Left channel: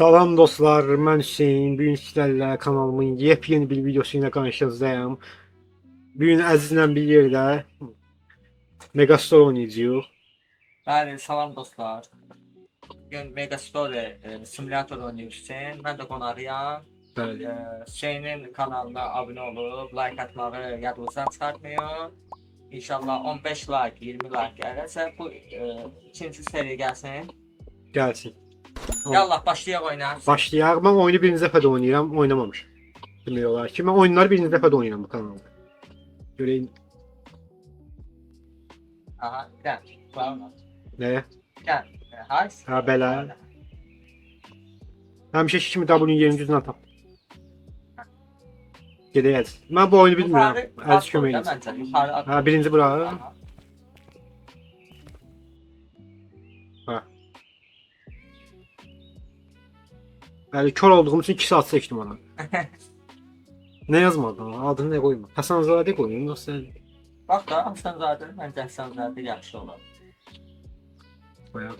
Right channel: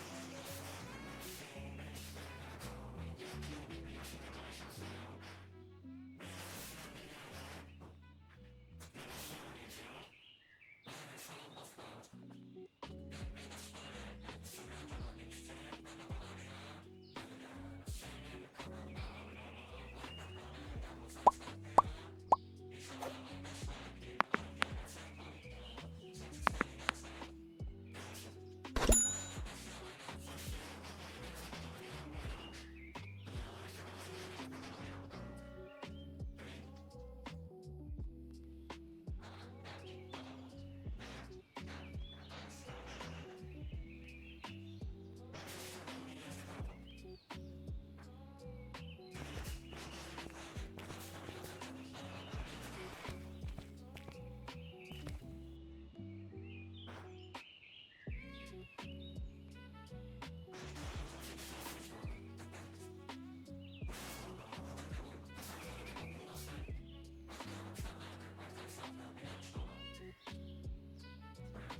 Salam dostlar, mən Hüseyin. Bugün sizlərlə kanalımın yepyeni bir videosuyla qarşınızdayım. Bugün Əzizlə bir yerdə Megastore oynayacağıq. Bəli, salam dostlar. Bugün Megastore simülator oynayırsan. Mən də qonağıyam. Bəli. Hüseynin kanalına abunə olub, like atmağı yadınızdan çıxartmayın. İnşallah 15 like, 20 like gəlirsə bu ikinci seri gəlsin. Gəlsin. Yallah başlayaq oyuna. Başlayaq. Mən oyunu birinci dəfə də oynayıram, oynamamışam. Demək olar ki, mən oyunları birinci dəfə də oynayıram bu kanalda. Görəyin. Aha, gəl. Bağırma. Nəyə? Gəl. Hay. Ha, belə. Həmişə kimi W20 düzünə tap. Gedək Əziz. Mən bu oyunu bilmirəm. Əziz kömək edin. Ha, birinci bura. Ha. Yani kör olduğum için 2 saat seçtim ona. Ne yazmadı ona? Adını ne koyma? Hasanzade koyayım nasıl? Bax da, Hasanzadə, məncə Hasanzadə yaxşı olar. Bayağı.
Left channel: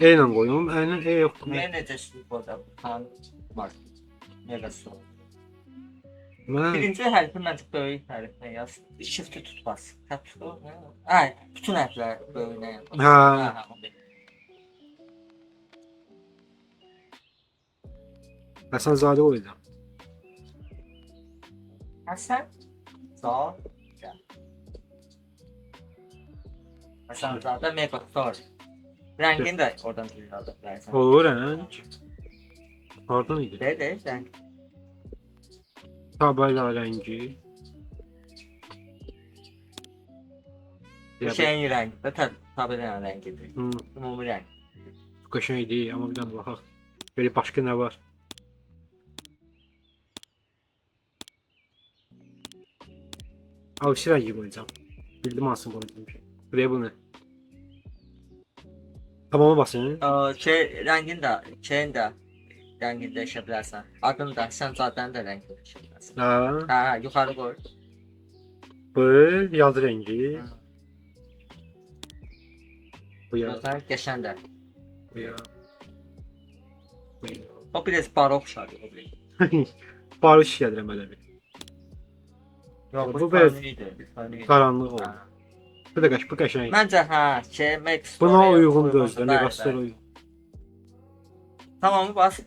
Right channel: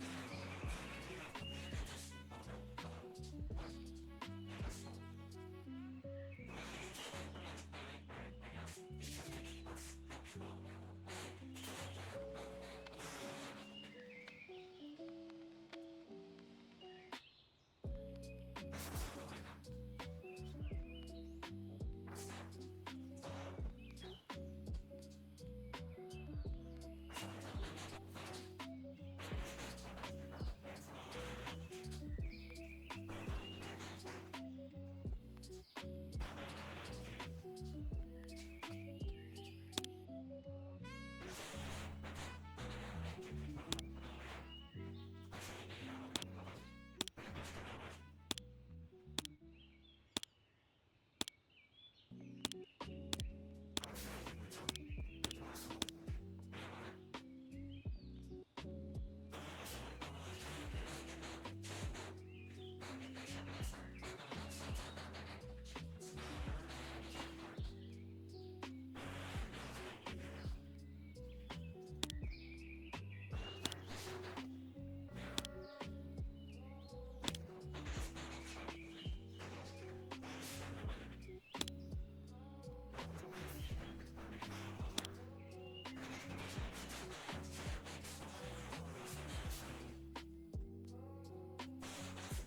E ile koyuyorum. E yok. Niyə necə burada var? Megastore. Ben Birinci hərfi məncə böyük hərflə yaz. Shift-i tut bas. Ay, bütün hərflər böyüyünə yaz. ha Hasanzade koyacağım. Həsən, sağ, gəl. Hasanzadə Megastore. Rəngini də oradan bilirəm. Olur renk. Oradan idi. De, rəng. Tabela rengi. Bu şeyin rəngi də tabi rəngidir. Ümumi rəng. Kaşın değil ama bir tane bakak. Böyle başka ne var? Alışır rengi koyacağım. Bildim aslında koyacağım. Buraya bu ne? Tamama basın. Rəngin də, şeyin də rəngini dəyişə bilərsən. Adını da, Hasanzadənin də rəngini dəyişə bilərsən. Ha, Yuxarı qoy. bu yaz rengi. Bu ya. Gözəl, qəşəngdir. Bu ya. O biraz barok şarkı. Barış gelir böyle bir. Yox, Bu biraz fərqlidir. karanlık oldu. Bu da bu kaşın. Məncə Max. Buna uygundur özdə. Megastore uygun. Tamamı bas.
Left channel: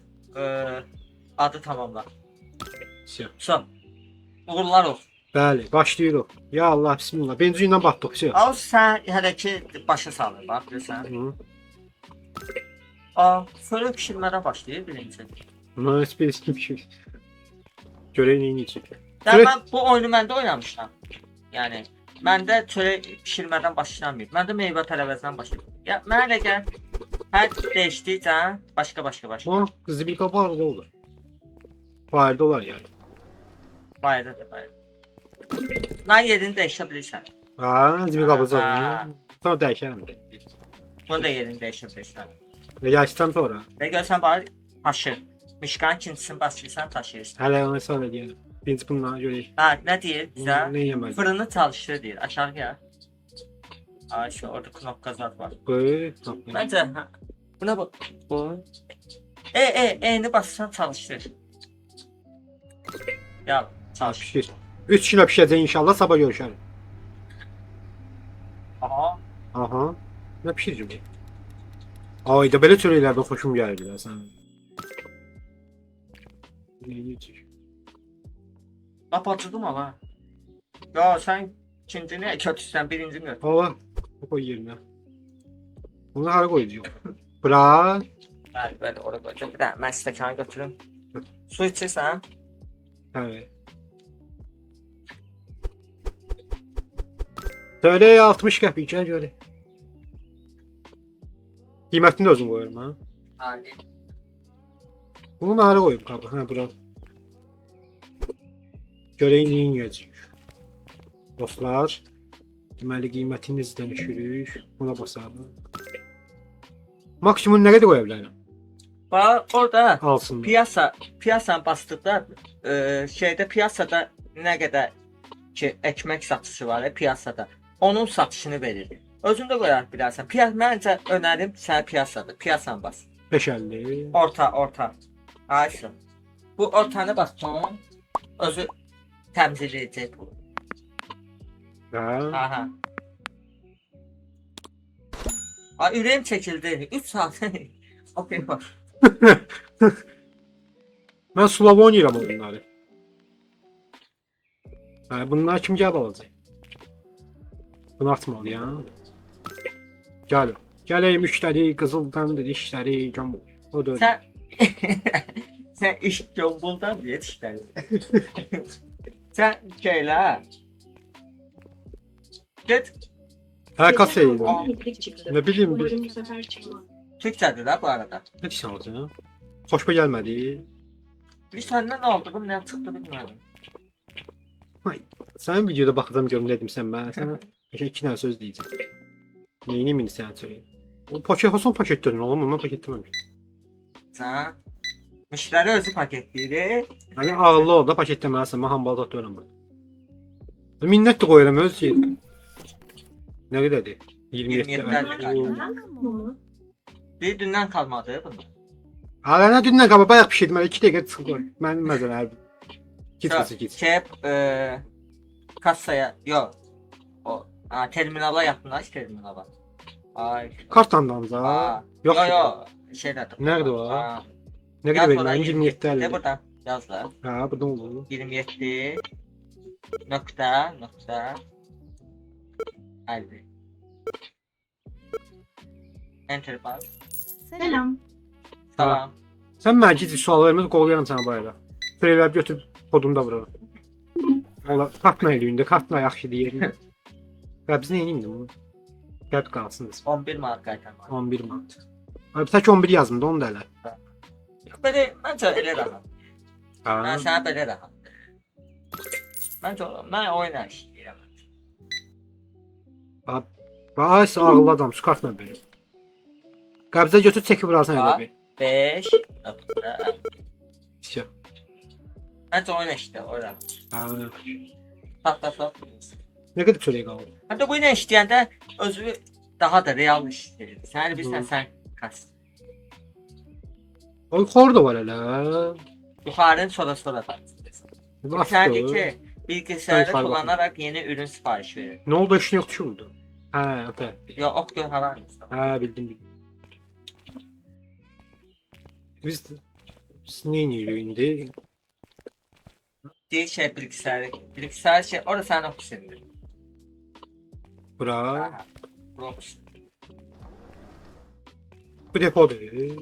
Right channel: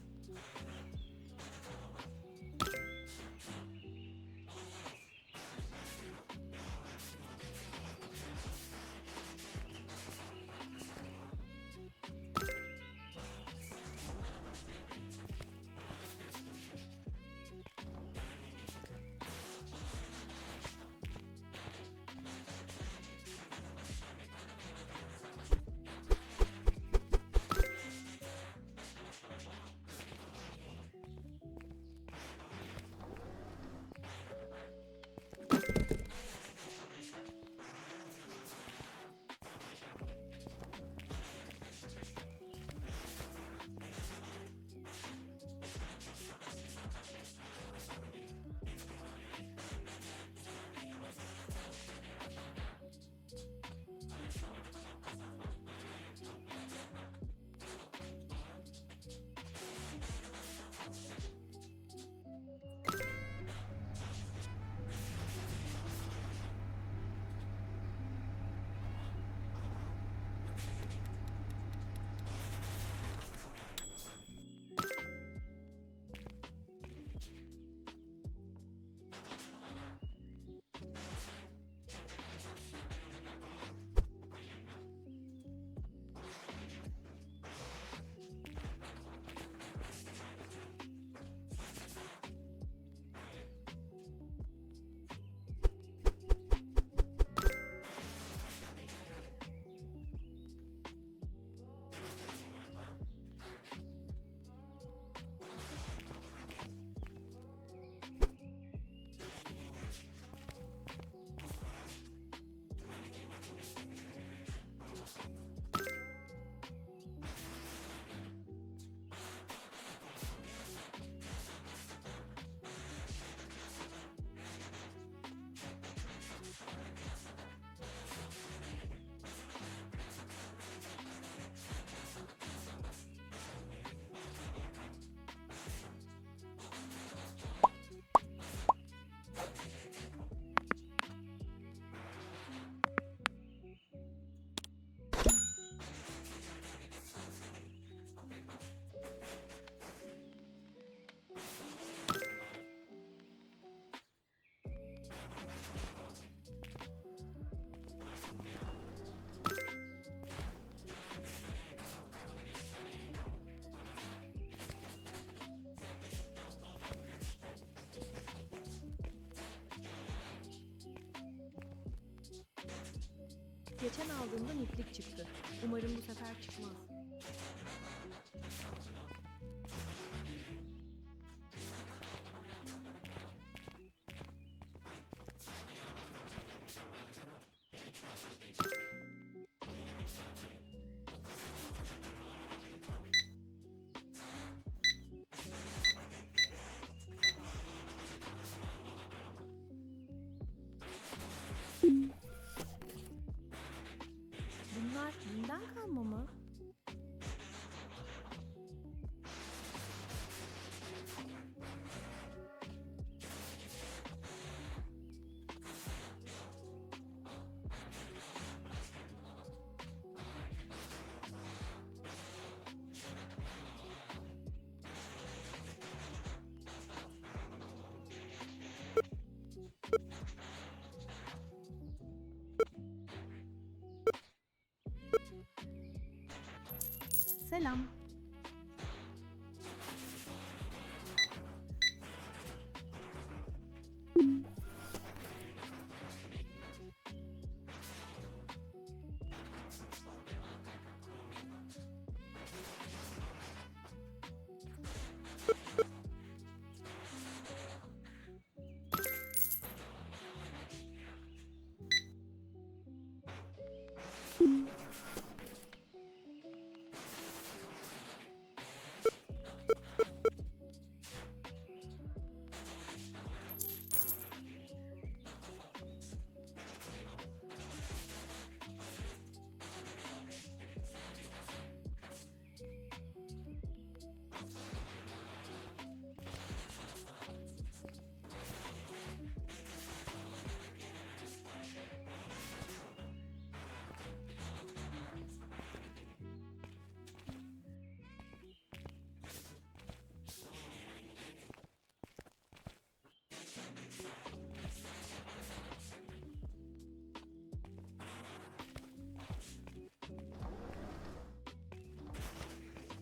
Adı tamamla. So. Uğurlar olsun. Bəli, başlayırıq. Ya Allah, bismillah. Birinci gündən batdıq. Al sən hələ ki başa salır, bax bilirsən. Sonra pişirmədən başlayır birinci. Buna heç bir kim pişir. Görək neyin için. Mən bu oyunu məndə oynamışam. Yəni məndə çörək pişirmədən başlanmır. Məndə meyvə tərəvəzdən başlayır. Ya mənə elə gəl. Hər dəyişdikcə başqa başlayır. O qızı bir qabarıq da olur. Fayda olar yani. Bayırdır, bayır. Mən yerini dəyişə bilirsən. Ha, zibil qabacaq. Sonra dəyişərəm. Bunu da yerini dəyişə bilirsən. Və yaşdan sonra. Və görsən bayır taşır. Mişqanın ikincisini basırsan taşıyırsan. Hələ ona sonra deyirəm. Birinci bundan görək. Ne deyir bizə? Ne yeməli? Fırını çalıştır deyir. Aşağı gəl. Ay şu orada knopka zat var. Bu. Məncə buna bak. Bu. Eyni basırsan çalıştır. Ya çalış. Pişir. 3 kilo pişəcək inşallah, sabah görüşərik. Aha. Aha. Ne pişirəcəm? Ayda belə çörəklərdən xoşum gəlir sən. Kapatırdım ama. Ya sen ikincini kötüsən, birincini gör. Baba, bu koy yerine. Bunu hara koyacağım? Bırak. Bəli, oraya qoyacağım. Bir də mən stəkanı götürüm. Su içirsən? Evet. Söyle 60 qəpik gəl görə. Qiymətini də özün qoyurum ha. Hadi. Bunu hara qoyub qabı? Hə, bura. Görək neyin yiyəcək. Dostlar, deməli qiymətini izdən düşürük. Buna basalım. Maksimum nə qədər qoya bilərəm? Bax, orada Alsın. piyasanı basdıqda şeydə piyasada nə qədər ki ekmek satışı var piyasada. Onun satışını verir. Özün də qoyar bilərsən. Məncə önərim sənə piyasadır. Piyasan bas. 5.50. Orta. Ayşın. Bu ortanı bassan özü təmsil edəcək. Ha. Aha. Ay ürəyim çəkildi. 3 saat. Okey bax. Mən Slav oynayıram bunları. Bunlar kim gəlib alacaq? Bunu atmalıyam. Gəl. Gələk müştəri, qızıldan dişləri, o da. Sen iş jombuldan diye işler. Sen şeyler. Git. Hə, kasayı. Nə bilim, Türkçedir la bu arada. nə deyirsən olacaq? Xoşuma gəlmədi. Bir senden ne oldu? Bu ne çıktı bilmiyorum. Sənin videoda baxacağım görüm dedim sən mən. Sənə 2 dənə söz deyəcəm. Neyini mini sən söyle. O paket olsun paketlərin oğlum, mən paketləməmişəm. Sen müşteri özü paketliydi. Yəni ağıllı ol da paketləməlisən, mən hambalda atıyorum bunu. Minnət də qoyuram öz yerinə. Nə qədərdir? 27 27 Bir dünden kalmadı bunu. Hala nə dündən qabaq bayaq pişirdim, hələ 2 dəqiqə çıxıb qoy. Mənim məzələrdir. Git. Şey kasaya yok. O terminala yaptılar terminala. Ay. Kartdan da. Yox. Yok. Şey dedim. Nerede o? Aa, Nə yaz qədər oraya, verin? 27 Ne 50. buradan? Yaz da. Ha, buradan olur. 27 nokta 50. Enter bas. Selam. Tamam. Sən mənə gec sual verməz, qolayaram sənə bayıra. Prelər götürüb kodumda vururam. Ola kartla eləyində, kartla yaxşı deyir. Ya biz nə edeyim bunu? Qəd qalsınız. 11 mark qaytarma. 11 manat. Abi tək 11 yazdım da onu da elə. Böyle bence öyle rahat. Ben Ha. sana böyle rahat. Ben oyna işleyeceğim. Bax, ağıllı adam, su kartla belə. Qəbzə götür, çəkib vurarsan elə bir. 5 nokta. İşte. Bence oyna işte oyna. Ha. Patlasın. Nə qədər çörək qaldı? Hatta bu oyna işleyende özü daha da real işleyir. Sen bilsen sen kas. O yuxarı da var elə. Yukarıdan sonra tartışırsın. Sen de ki bilgisayarı Yukarı kullanarak yeni ürün sipariş verir. Nə oldu, işin yoxdur ki burada? Hə, öpə. Ya ok gör hava. Hə, bildim. Biz nə edirik indi? Değil şey bilgisayar şey orada sen okusun. Bura. Robux. Bu depodur.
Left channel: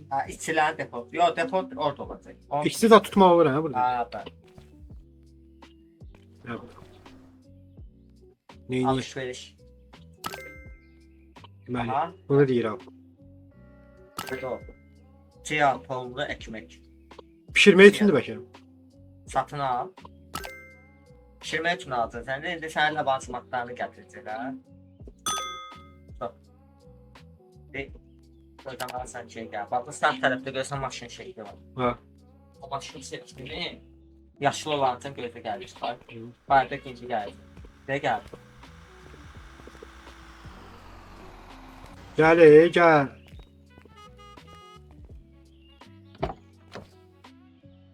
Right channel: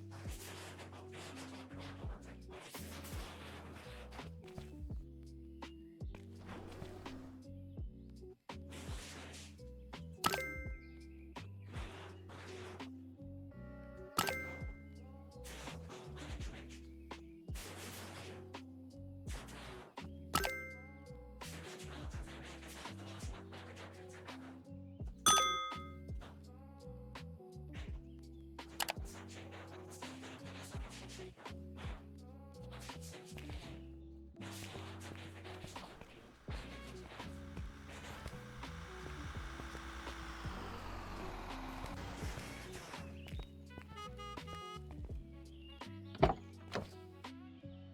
Ha, işçiler depo. Yok depo orada olacak. İkisi də tutmaq olur hə burada. Ha ben. Neyini? Alışveriş. Bəli. Aha. Bunu deyirəm. Burada o. Ciğer, tohumlu ekmek. Pişirmək üçündür bəlkə. Satın al. Pişirmək üçün alacaksın. Sen de indi sənin lansmanlarını gətirəcəklər. Oradan alsan şey gəl. Bax bu sağ tərəfdə görsən maşın şeyi var. Ha. O maşın seçdiyini yaşlı olan üçün gözə gəlir. Bayırda ikinci gəlir. Ne gəldi? Gəl, gəl.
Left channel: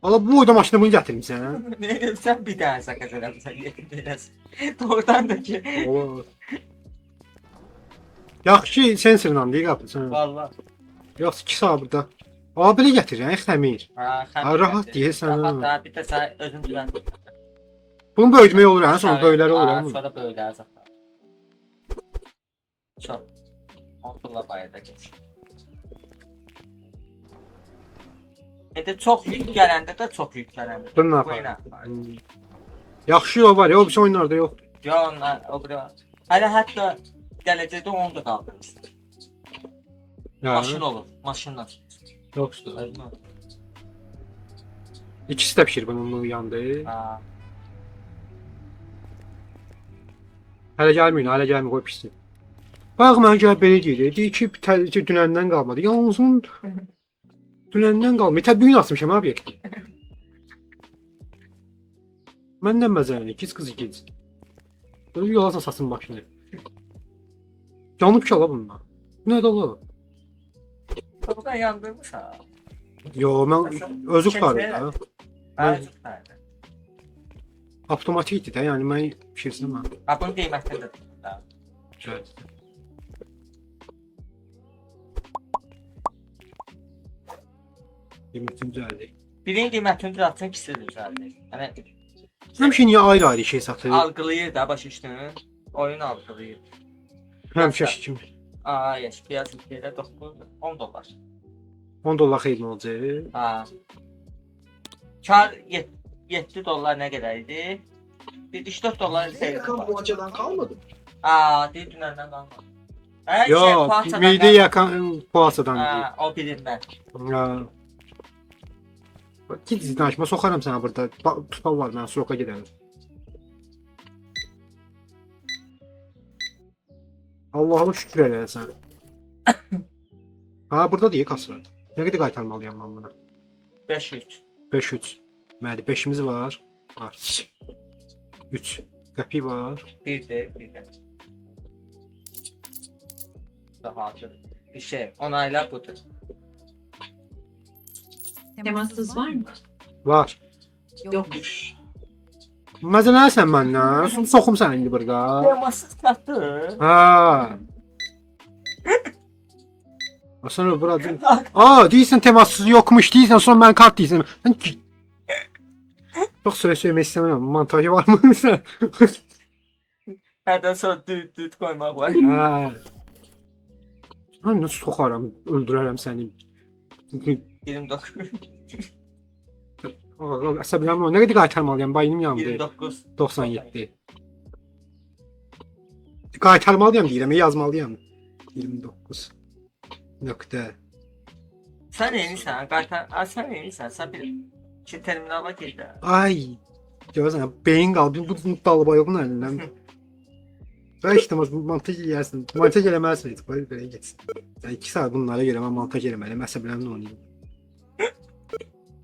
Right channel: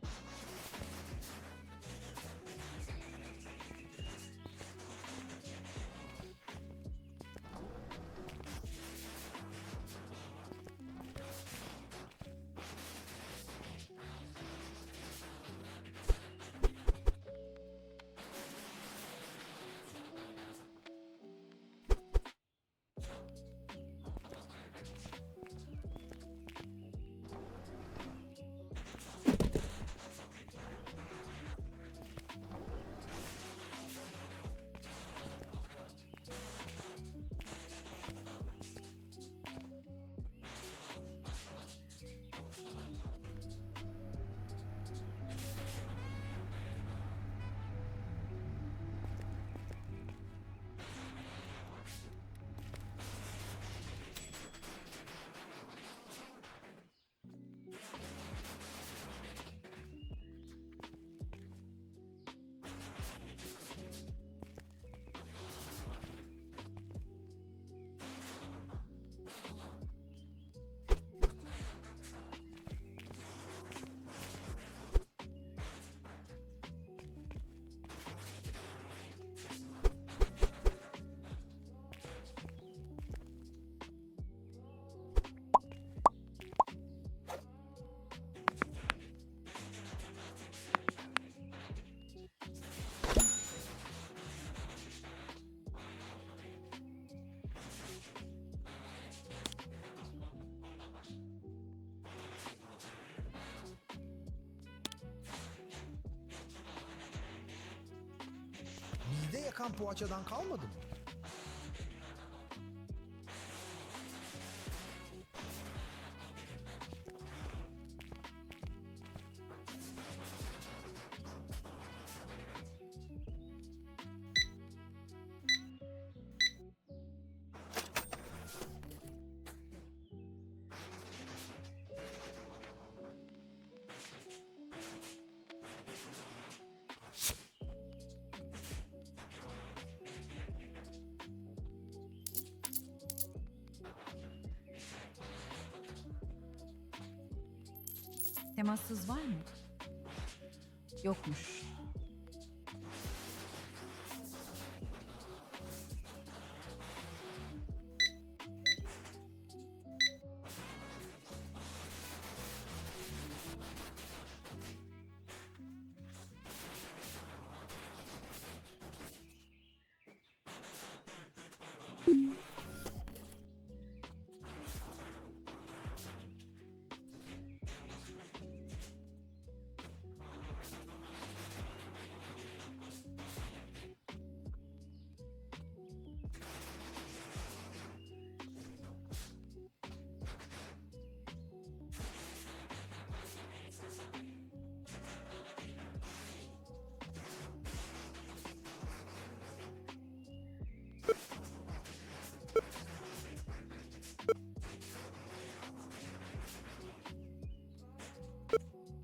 Valla bu boyda maşını bunu gətirmişsən. Ne sen bir daha sakız eləmsən. Doğrudan da ki. Olur. Yaxşı ki, sensorla deyil qapısan. Valla. Yoxsa 2 saat burada. Aa, belə gətirirsən, xəmir. Ha, rahat deyirsən, ha. Rahat da bir də sən özün düzən. Bunu böyütmək olur, hə? Sonra böyləri olur, hə? Sonra böylər zaten. Çok. Onlarla bayırda geç. Çok yük gələndə də çox yüklənəndə. Bunu nə Bu yapar? ilə. Yaxşı yol var ya, o birisi oyunlarda yox. Ya onlar o biri var. Hələ hətta gələcəkdə onu da qaldırmışdı. Maşın olur, maşınla. Yoxdur. İkisi də pişir bunun yandı. Ha. Hələ gəlməyin, hələ gəlmə, qoy pişsin. Bax, mənə gəl belə deyir. Deyir ki, dünəndən qalmadı. Yalnızın dünəndən qalmadı. Təbii gün atmışam abi. Məndən məzəlini, ikiz qız ikiz. Böyle yola satsın maşını. Yanıb ki ala bunlar. Nə də olar? Kapıdan yandırmışam. Yo, mən özü qutarım da. Bəli. Avtomatikdir də, yəni mən fikirləşirəm. Bunun qiymətini də. Güzel. Qiymətin düzəldi. Birinin qiymətini düzəltsin, ikisi də düzəldi. Yəni Həmişə niyə ayrı-ayrı şey satır? algılayır da baş üstünü. Oyun algılayır. Həmişə kimi. Aa, yes, piyaz ülkede 10 dolar. 10 dollar xeyli olacaq. Aa. Kar 7 dolar ne kadar idi? 74 dolar Nereye kapmacadan kalmadı? Aa, değil dünlerden kalmadı. Ha, Yo, poğaçadan meyde kalmadı. yakan poğaçadan. Aa, o birinden. Ya. Git danışma, soxaram sənə burada. Tutal var, mən soka gedərəm. Allah'a şükür eləsən. Ha, burada deyil kasa. Nə qədər qaytarmalıyam mən buna? 500. 5-3. Məli 5-imiz var. Var. 3. Qəpi var. Bir de. Daha açık. Bir şey. Onayla budur. Temassız var mı? Var. Yokmuş. Məzələnsən məndən. Soxum səni indi burada. Temasız katı. Ha. Sonra burada. Deyirsən temassız yokmuş, deyirsən sonra mən kart deyirsən. Mən çok süre söylemek istemiyorum. Montajı var mı sen? Herden sonra düt koymak var. Ha. Ben nasıl sokarım, öldürürüm seni. 29. Əsəblərim var. Nə qədər qaytarmalıyam? Bayım yandı. 29. 97. Qaytarmalıyam deyirəm, yazmalıyam. 29. Nöqtə. Sen neymişsən? Sen neymişsən? Sen bir terminala gir də. Ay. Görürsən, beyin qaldı. Bu dalbayığın əlindən. Və işte montaj eləyərsin. Montaj eləməlisin. Belə getsin. Yəni 2 saat bunlara görə mən montaj eləməliyəm. Əsəblərimlə oynayım.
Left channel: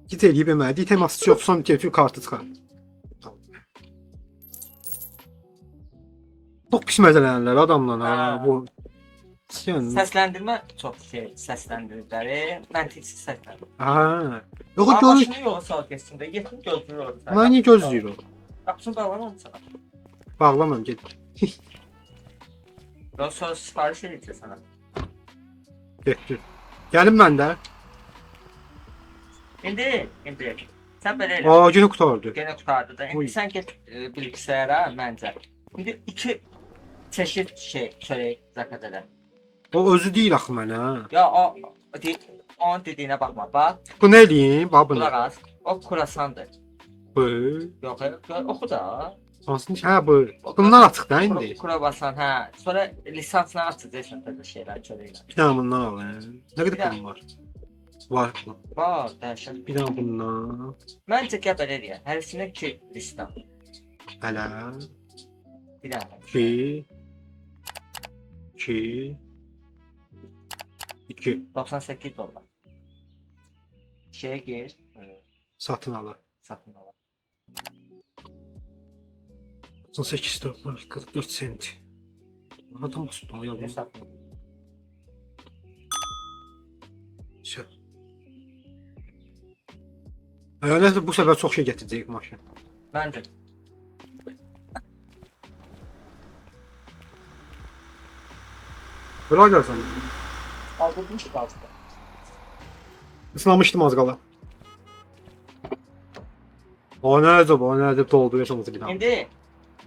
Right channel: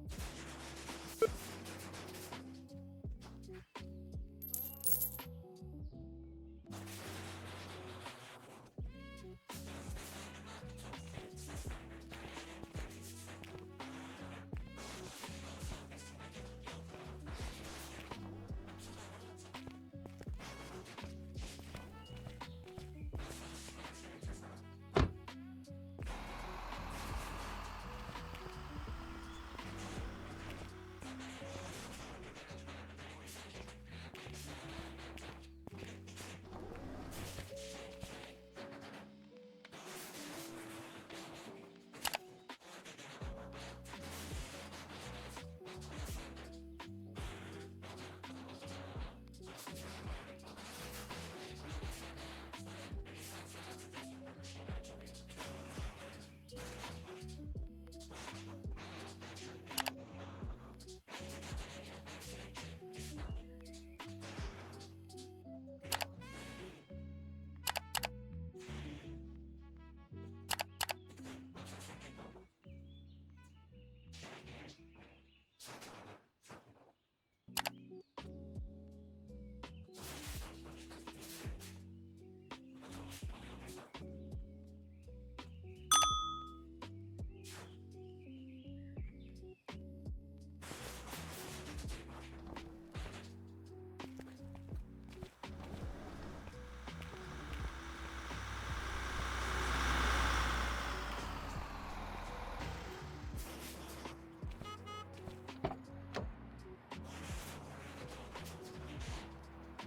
Git eləyib eləməli. Teması yoxsan telefon kartı çıxar. Çox pis məzələnirlər adamlar ha bu. Yəni Səsləndirmə çox şey səsləndirdikləri, məntiqsiz səsləndirmə. ha. Yox Amma görür. maşını yola sal keçsin də, yetim gözlüyür orada. Mən niyə gözləyirəm? Qapısını bağlamamısan. Bağlamam get. Daha sonra sipariş edəcək sənə. Getdir. Gəlim mən də. İndi. Sən belə elə. Aa, günü qutardı. Gene tutardı da. Uy. İndi sən get bilgisayara məncə. İndi 2 çeşit şey çörək zəkat edər. O özü deyil axı mənə. Ya onun dediyinə baxma. Bax, Bu nə eləyim? Bax bunu. qulaq as. O kurasandır. Bu. Yox, oxu da. Hansını? Ha bu. Bundan açıq da indi. Kura basan, hə. Sonra lisansla açacaqsan tabii şeylər çörəklə. Bir dənə bundan al. Nə qədər pulum var? Var. Bax, dəhşət. Bir dənə bundan. Məncə gəl belə deyək. Hərisinə 2 lista. Hələ. Bir dənə. 2 2 2 98 dollar. Şeyə gir. satın ala. Satın al. 98 dollar 44 sent. Adam tutmalı ya. Hesab. Şey. Nəsə bu səfər çox şey gətirəcək maşın. Məncə. Bura gəlsən. Aldırdım ki qalsın. Islamışdım az qala. O nədir doldu yaşaması bir daha. İndi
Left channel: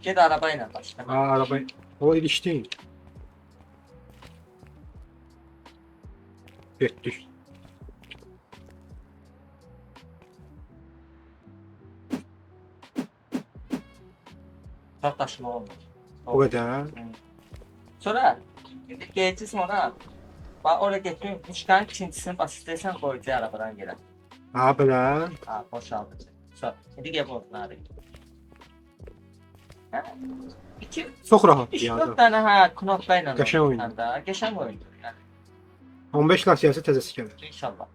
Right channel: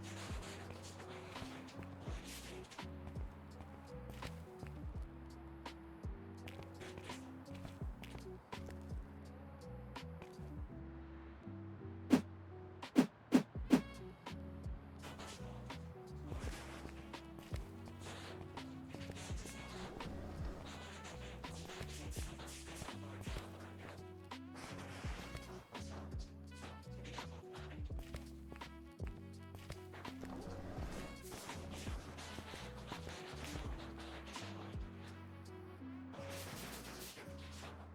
get araba ilə başla. Ha araba. O ilişdi. Getdik. Çox daşıma olmur. O qədər. Sonra geçsin ona. Bak oraya getirin. Çıkan ikincisini bas istersen koyacağız arabadan gelen. Ha belə. Ha boşaldı. Sonra hadi gel bu abi. Ha? İki, Çox rahat üç, ya. dört tane ha knoplayla. Geçen oyun. Da. Geçen oyun. Yani, 15 lasiyası təzəsi gəlir. inşallah.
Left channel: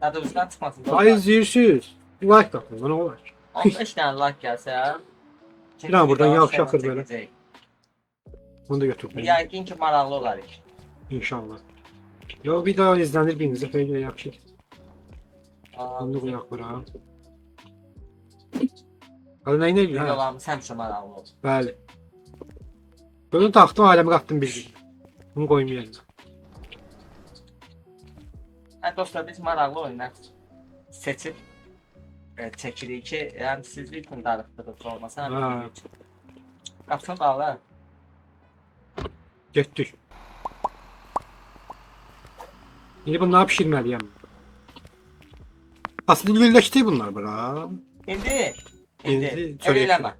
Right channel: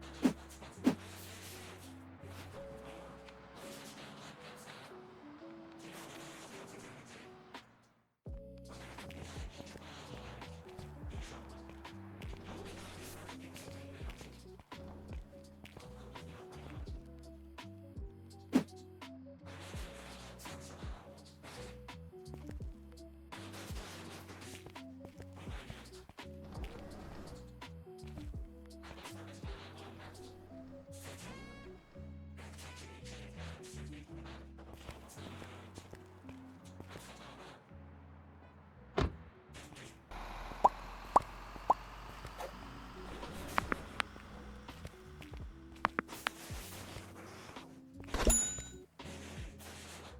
Hadi üstten çıkmasın. Ay izləyirsiniz. Like tapın, nə olar? 15 tane like gelse ya. Bir an buradan Daha yavşak sonra akır böyle. çekecek. Bunu da götür. Yəqin ki, maraqlı olar. İnşallah. Yo video izlenir birinizə xeyli yaxşı. Bunu da qoyaq bura. Hadi nə edir? Videolarımız həmişə maraqlı olur. Bəli. Bunu taxtım, aləmi qatdım bir. Bunu qoymayayım. Dostlar, biz maraqlı oyunlar seçib çəkirik ki, yəni siz bir gün darıxdırıb olmasa, Ha. qapını bağlar. Getdik. İndi bunları pişirməliyəm. Aslında birləşdi bunlar bura. İndi İndi elə eləmə.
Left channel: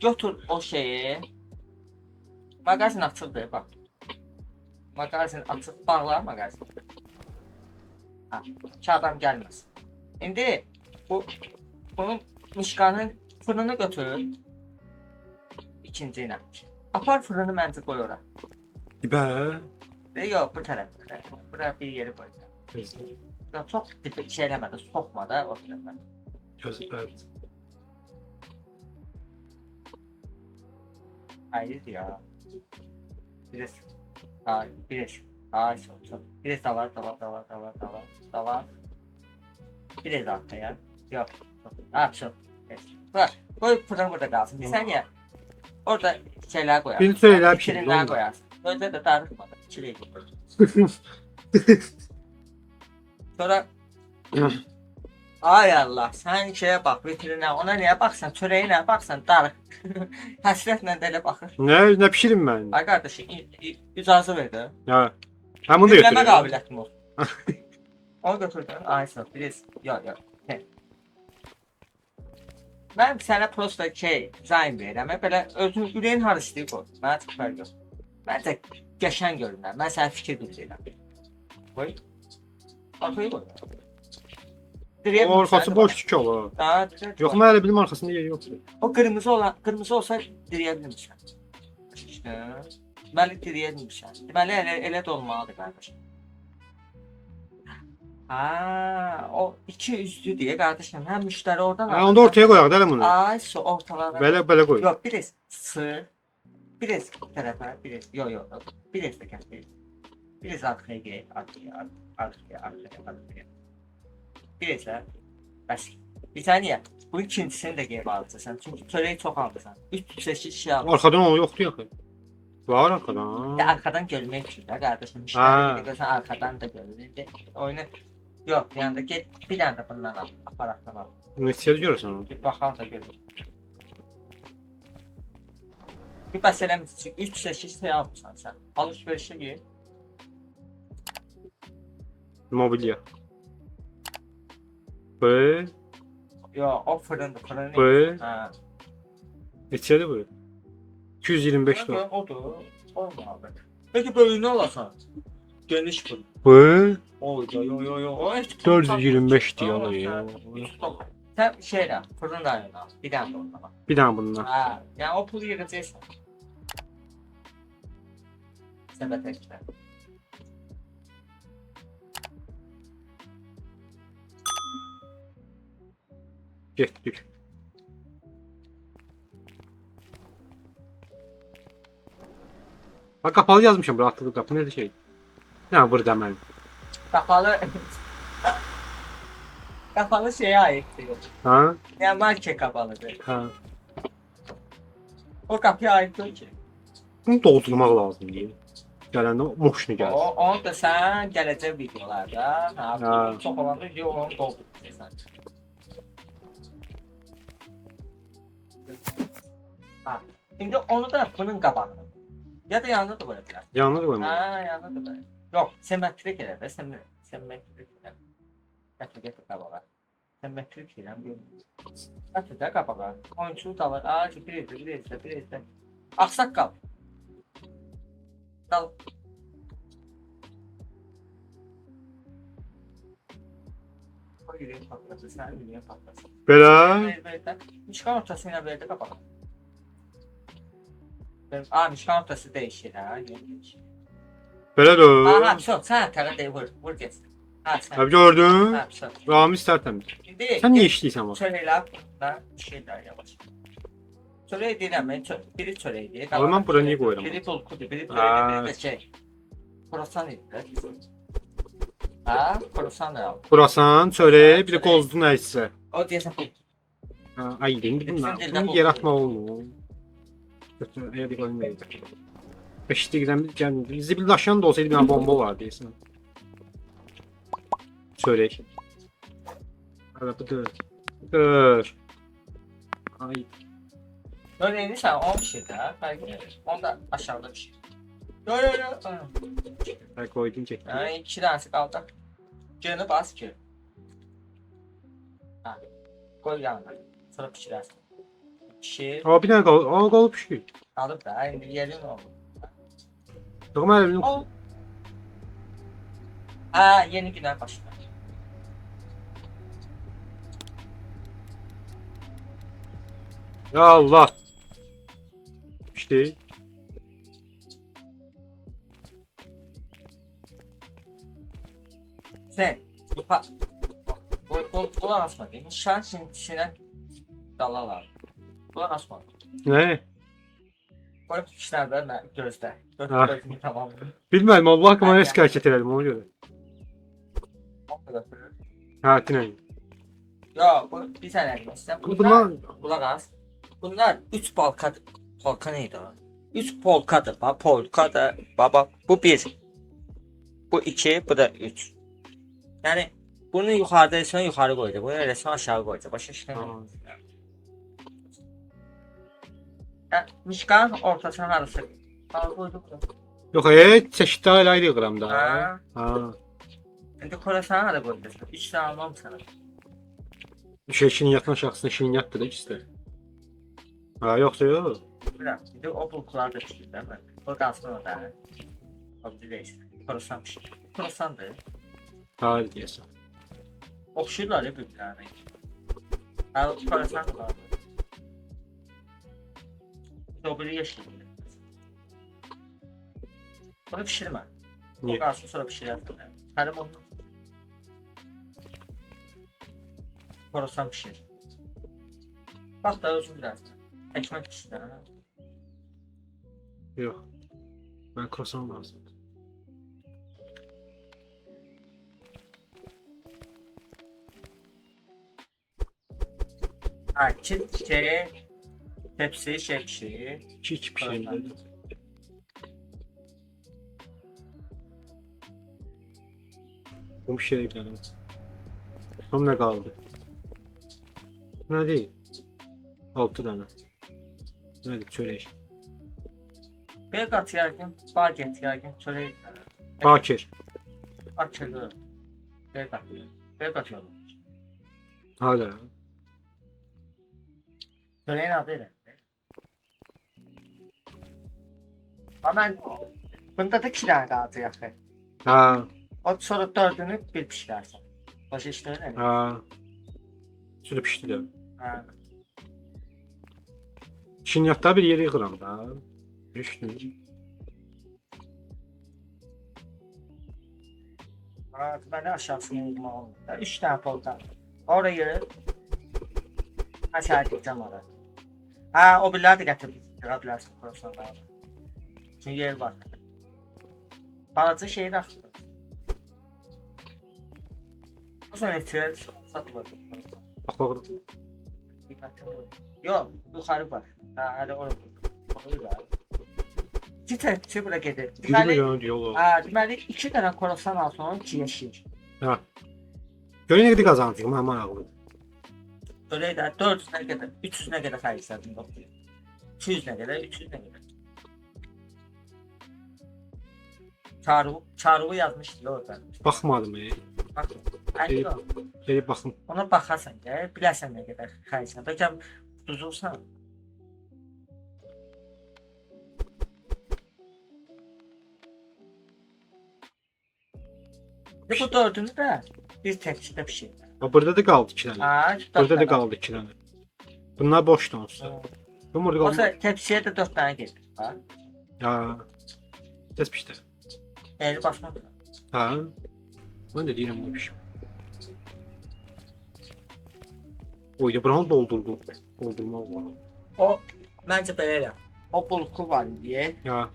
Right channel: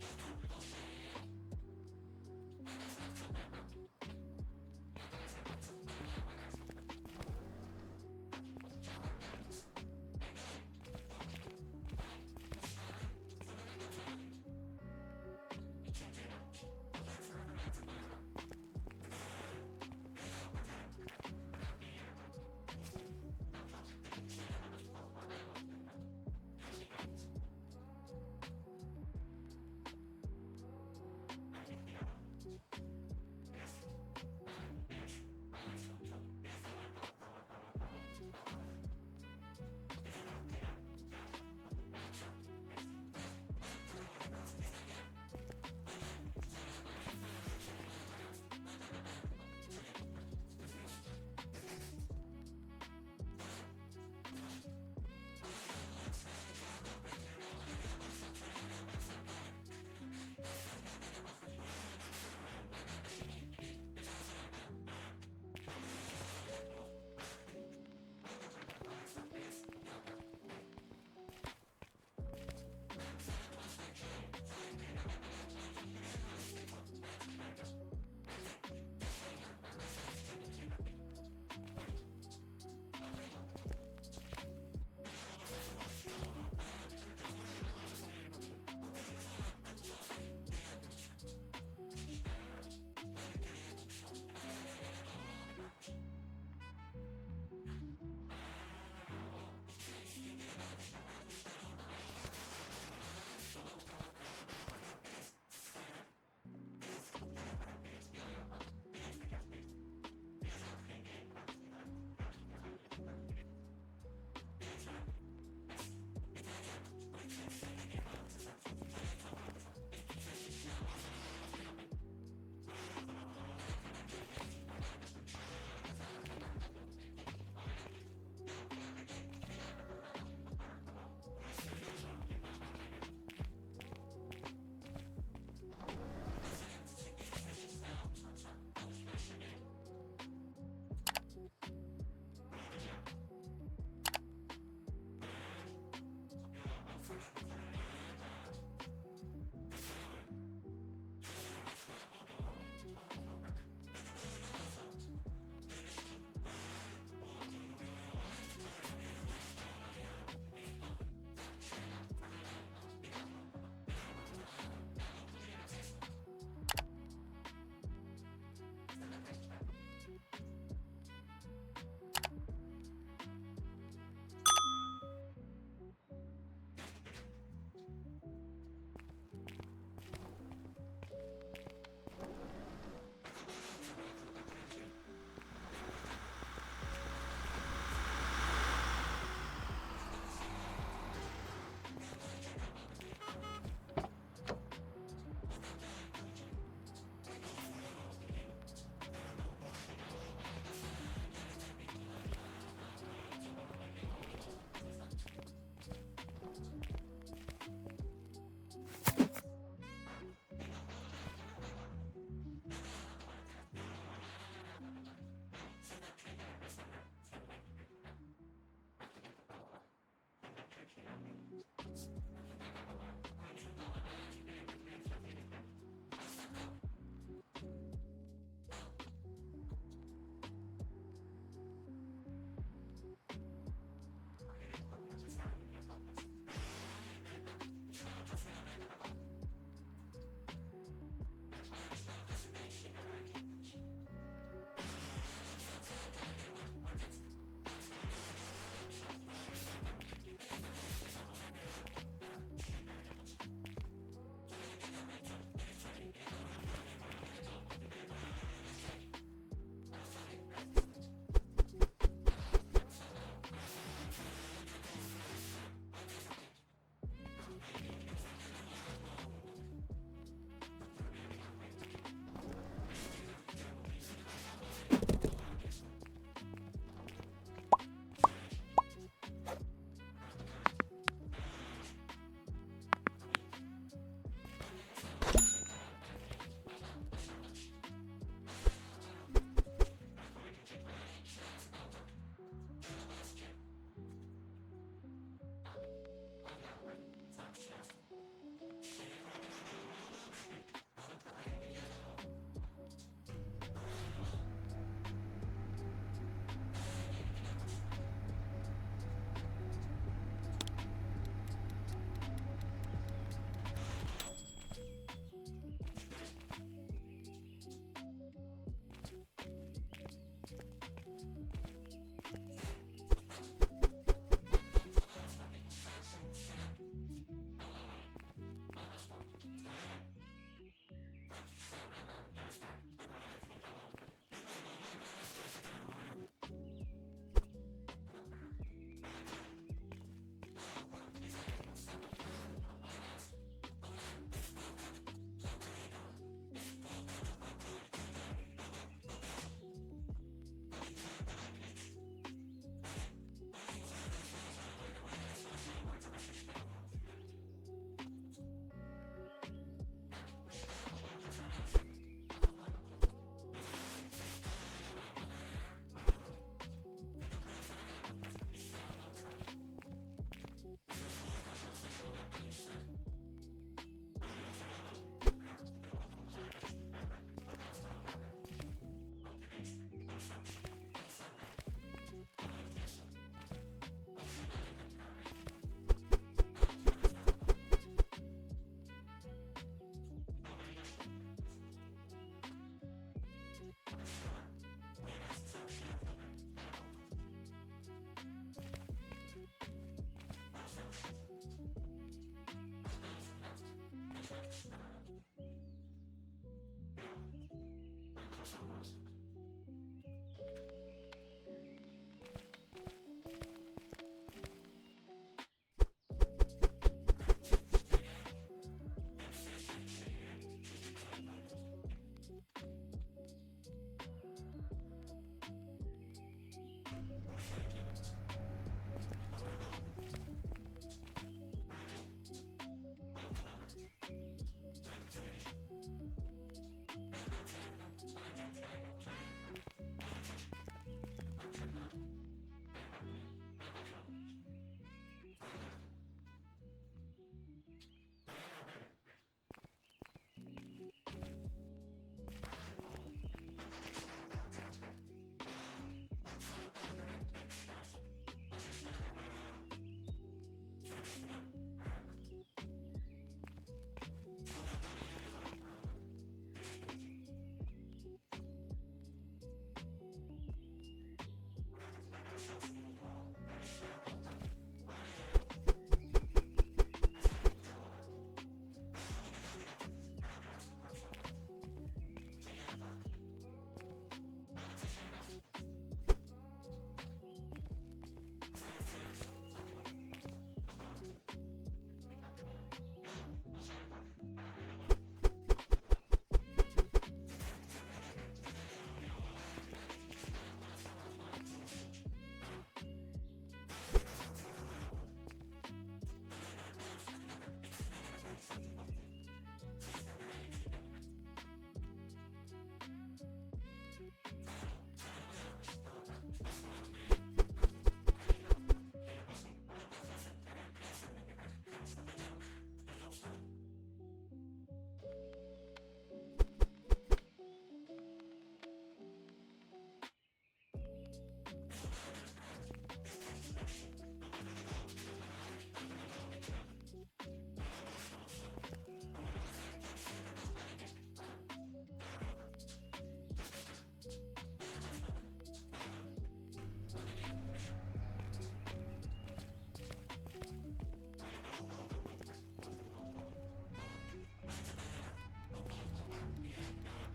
Götür o şeyi. Mağazin açıldı, bax. Mağazin açıb bağla mağazin. Ha, ki adam gəlməz. İndi bunun mişqanın fırını götür. İkinci ilə. Apar fırını məncə qoy ora. Bə. Yox, bu tərəf. Bura bir yeri qoy. Çox şey eləmədi, soxma da o tərəfə. Gözlər. Hayır ya. Biraz. Ay, biraz. Ay, çok. Biraz davar. Biraz arkaya. Yok. Ah, çok. Evet. Bak, koy fırın burada kalsın. Bir saniye. Orada şeyler koyarsın. Bir şeyler Bir pişirir, şeyler oldu. koyarsın. Öyle de darıtmadı. Çileği. Sonra ay Allah, sen şeye bak, vitrine, ona niye baksan, çöreğine baksan, darık. Həsrətlə də elə baxır. Nə pişirim mən? Ay qardaşım, icazə ver də. Ha. Ha bunu da Dinləmə götürürəm. qabiliyyətim o. Onu götür də. Ay sağ ol, biraz. Yox. Mən sənə prosta zayn verirəm. Belə özün ürəyin har istəyir qoy. Mənə çox fərq yox. Məncə qəşəng görünər. Mən sənə fikir bildirirəm. Qoy. Arkayı qoy. O arkası boş ki olur. Yox, mən elə bilim arxasında yer yoxdur. O qırmızı olsa diriyə bilmişəm. İşte, deməli diriyə bilmişəm. Deməli elə də olmalıdır qardaşım. Ha, o iki üstü deyə qardaşım, həm müştəri oradan Ha, onu da ortaya qoyaq da elə bunu. Ay, su ortalara. Belə qoy. Yox, biraz sığ. Biraz tərəfə, biraz. Yox. Biraz da kəsdir. Biraz arkaya gel, arkaya. Biraz da. Bəs. Bir saniye. Bu ikincisini də qeyb alacaqsan. Çünki çörəyi çox alırsan. 3 çeşit şey alırsan. Arxadan o yoxdur yaxı. Var arxadan. Ya arkadan görmek için de kardeşim. Ha. İşte arkadan da görünür. Oyunu yok yani git bir tane de bundan al. Aparattan al. Neçəyə görürsən onu? Bir bakalım da görür. Bir meselemiz için 3 çeşit şey almışsan sen. Alışverişe gir. Mobilya. Bu. Yo o fırın. Bu. Ha. Neçədir bu? 225 lira. Odur. Olmadı. Peki böyüğünü alasan. Geniş fırın. Bu. Oy yo. 425 diyor ya. Sen şeyle fırın da al. Bir tane de ondan al. Bir dənə bundan. Ha, yani o pulu yığacaqsan. Səbət əklə. Getdik. Bak kapalı yazmışım bura atladı kapı nerede şey? Ne burada deməli. Kapalı... Kapalı şeye aittir. Ha? Yani market kapalıdır. Ha. O kapıya ait değil ki. Bunu doldurmaq lazımdır. Gələndə moşunu gəlir. Onu da sen gələcək videolarda, Ha. çok olan video onu dolduracaqsan. Ha. Şimdi onu da bunun qabağına. Ya da yanında da qoyacaq. Yanına da qoyma. Ha, yanında da qoyacaq. Yox, simmetrik elə də, simmetrik elə. Gətir qabağa. Simmetrik elə. Gətir də qabağa. Oyunçu da var. Aa, bir izlə. Axsaq qal. Dal. Koy yüreği patlasın, sen yüreği patlasın. Belə. Mişkan ortasıyla verdi kapalı. Aa, mişkan ortası değişir ha. Belə də. Aha, çok. Sen tara değil, vur geçsin. Ha, sen. Abi gördün? Ha, çok. Ramiz tərtəmiz. Şimdi Sən niyə işləyirsən bax? şöyle laf, ben şeyler yavaş. Çörək deyirəm mən, biri çörək deyir. Ama ben bura niye koyuyorum? Biri bulkudur, biri Aa. çörək, biri də şey. Kruasan idi. Ha, kruasan da al. Burasan, çörək, bir de qozdu nəysə. O deyəsən bu. Ha, ay indi bunlar. Bütün dildə Bunu bu. yaratma olmur. Götürəyə bir qoymayız. Beşikdən gəlmir. Zibildaşan da olsaydı bir dənə bomba var deyəsən. Çörək. Hadi bu dur. Dur. Ay. Çörəyini sən 10 şeydə, bəlkə 10 da aşağıda bir şey. Yo yo yo. Ay koydum ki. Yani 2 tanesi kaldı. Canı bas ki. Ha. Koy yanına. Sonra pişirersin. Pişir. Aa bir dənə qalıb. Aa qalıb şey. Alıp da aynı yerin oldu. Doğum əlimini. O. Ha yeni günden başladı. Ya Allah. İşte. Sen. Kulak asma. Şan şimdi dalalar. Kulak asma. Ne? Koy işlerde ben gözde. Ha. Gözde tamam. Bilmem Allah hakkında ne şikayet edelim ona göre. Ha dinleyin. Ya bu bir tane elbise. Bunlar Kulak as. Bunlar 3 polka neydi o? 3 polkadır. Bak polka da baba bu 1. Bu 2, bu da 3. Yani bunu yukarıda resmen yukarı koydu. Bunu resmen aşağı koydu. Başka şey yok. Ya Mişkan ortasına arası. Al koyduk. yok çeşitli ayrı yığıram da. Ha. Ha. Şimdi korasana da koyduk. 3 tane almam sana. Şeşin yatan şahsına şeşin yatdı da ikisi de. Ha yoksa yok. Bırak. Bir de o bulkular da çıktı değil mi? O da aslında o da. O bir değilsin. Korasan bir şey. Korasan da. Ha diyorsun. Okşuyorlar ya birbirlerine. Ha korasan da var. Dobri yeşil. Bunu pişirme. Niye? O kalsın sonra pişirirsin. Hadi bunu. Korasan pişir. Bak da özür biraz. Ekmek pişir. Yok. Ben croissant lazım. Ha, çift kere tepsi şey pişirir. Hiçbir şey değil. Bu bir şey değil. Tam ne kaldı? Ne değil? 6 tane. Ne çörek. Bir kat yargın, baget yargın, çöreği. Bakir. Açılır. Bir kat. Bir kat yolu. Hala. Çöreğin adı ne? Ama ben bunda da 2 tane kaldı yakın. Ha. O sonra 4'ünü bir pişirersin. Başka işte öyle mi? Ha. Şurada pişti de. Ha. Şimdi yatta bir yere yıkıram da. Düştüm. Ha, ben de aşağısını yudum aldım. 3 tane poltan. Orayı aşağı gideceğim oraya. Ha o birileri de getirdim. Görebilirsin profesyonel. Çünkü yer var. Balaca şeyi de açtım. O zaman etirer satılır. Bak bak. Yok yukarı var. Ha hadi oraya. İki tepsi bura gelir. Yürü milyon diyor. Ha deməli 2 dənə korasan al sonra 2 yeşil. Ha. Görün ne kadar kazandık ama aman ağlı. Öyle də 400-nə qədər, 300-nə qədər xərclədim bax. 200-nə qədər, 300-nə qədər. Çarığı yazmışdı orada. Bakmadım Bax, Gelip, ayı gelip bakın. ona baxarsan gəl, bilərsən nə qədər xərclədim. Bəlkə düzülsən. Bu dördünü də bir tepsidə pişir. Ha, burada da kaldı 2 tane. Ha, Burada da kaldı 2 tane. Bunlar boş olsa. Bu burada kaldı. Olsa tepsiyə də 4 dənə gedir. Ha. Ha. Ses pişti. Eli başına. Ha. Ben de değilim bu iş. Oy ya buranı doldurdum. Doldurma var. O Məncə belə elə. O bulku var deyə. Ya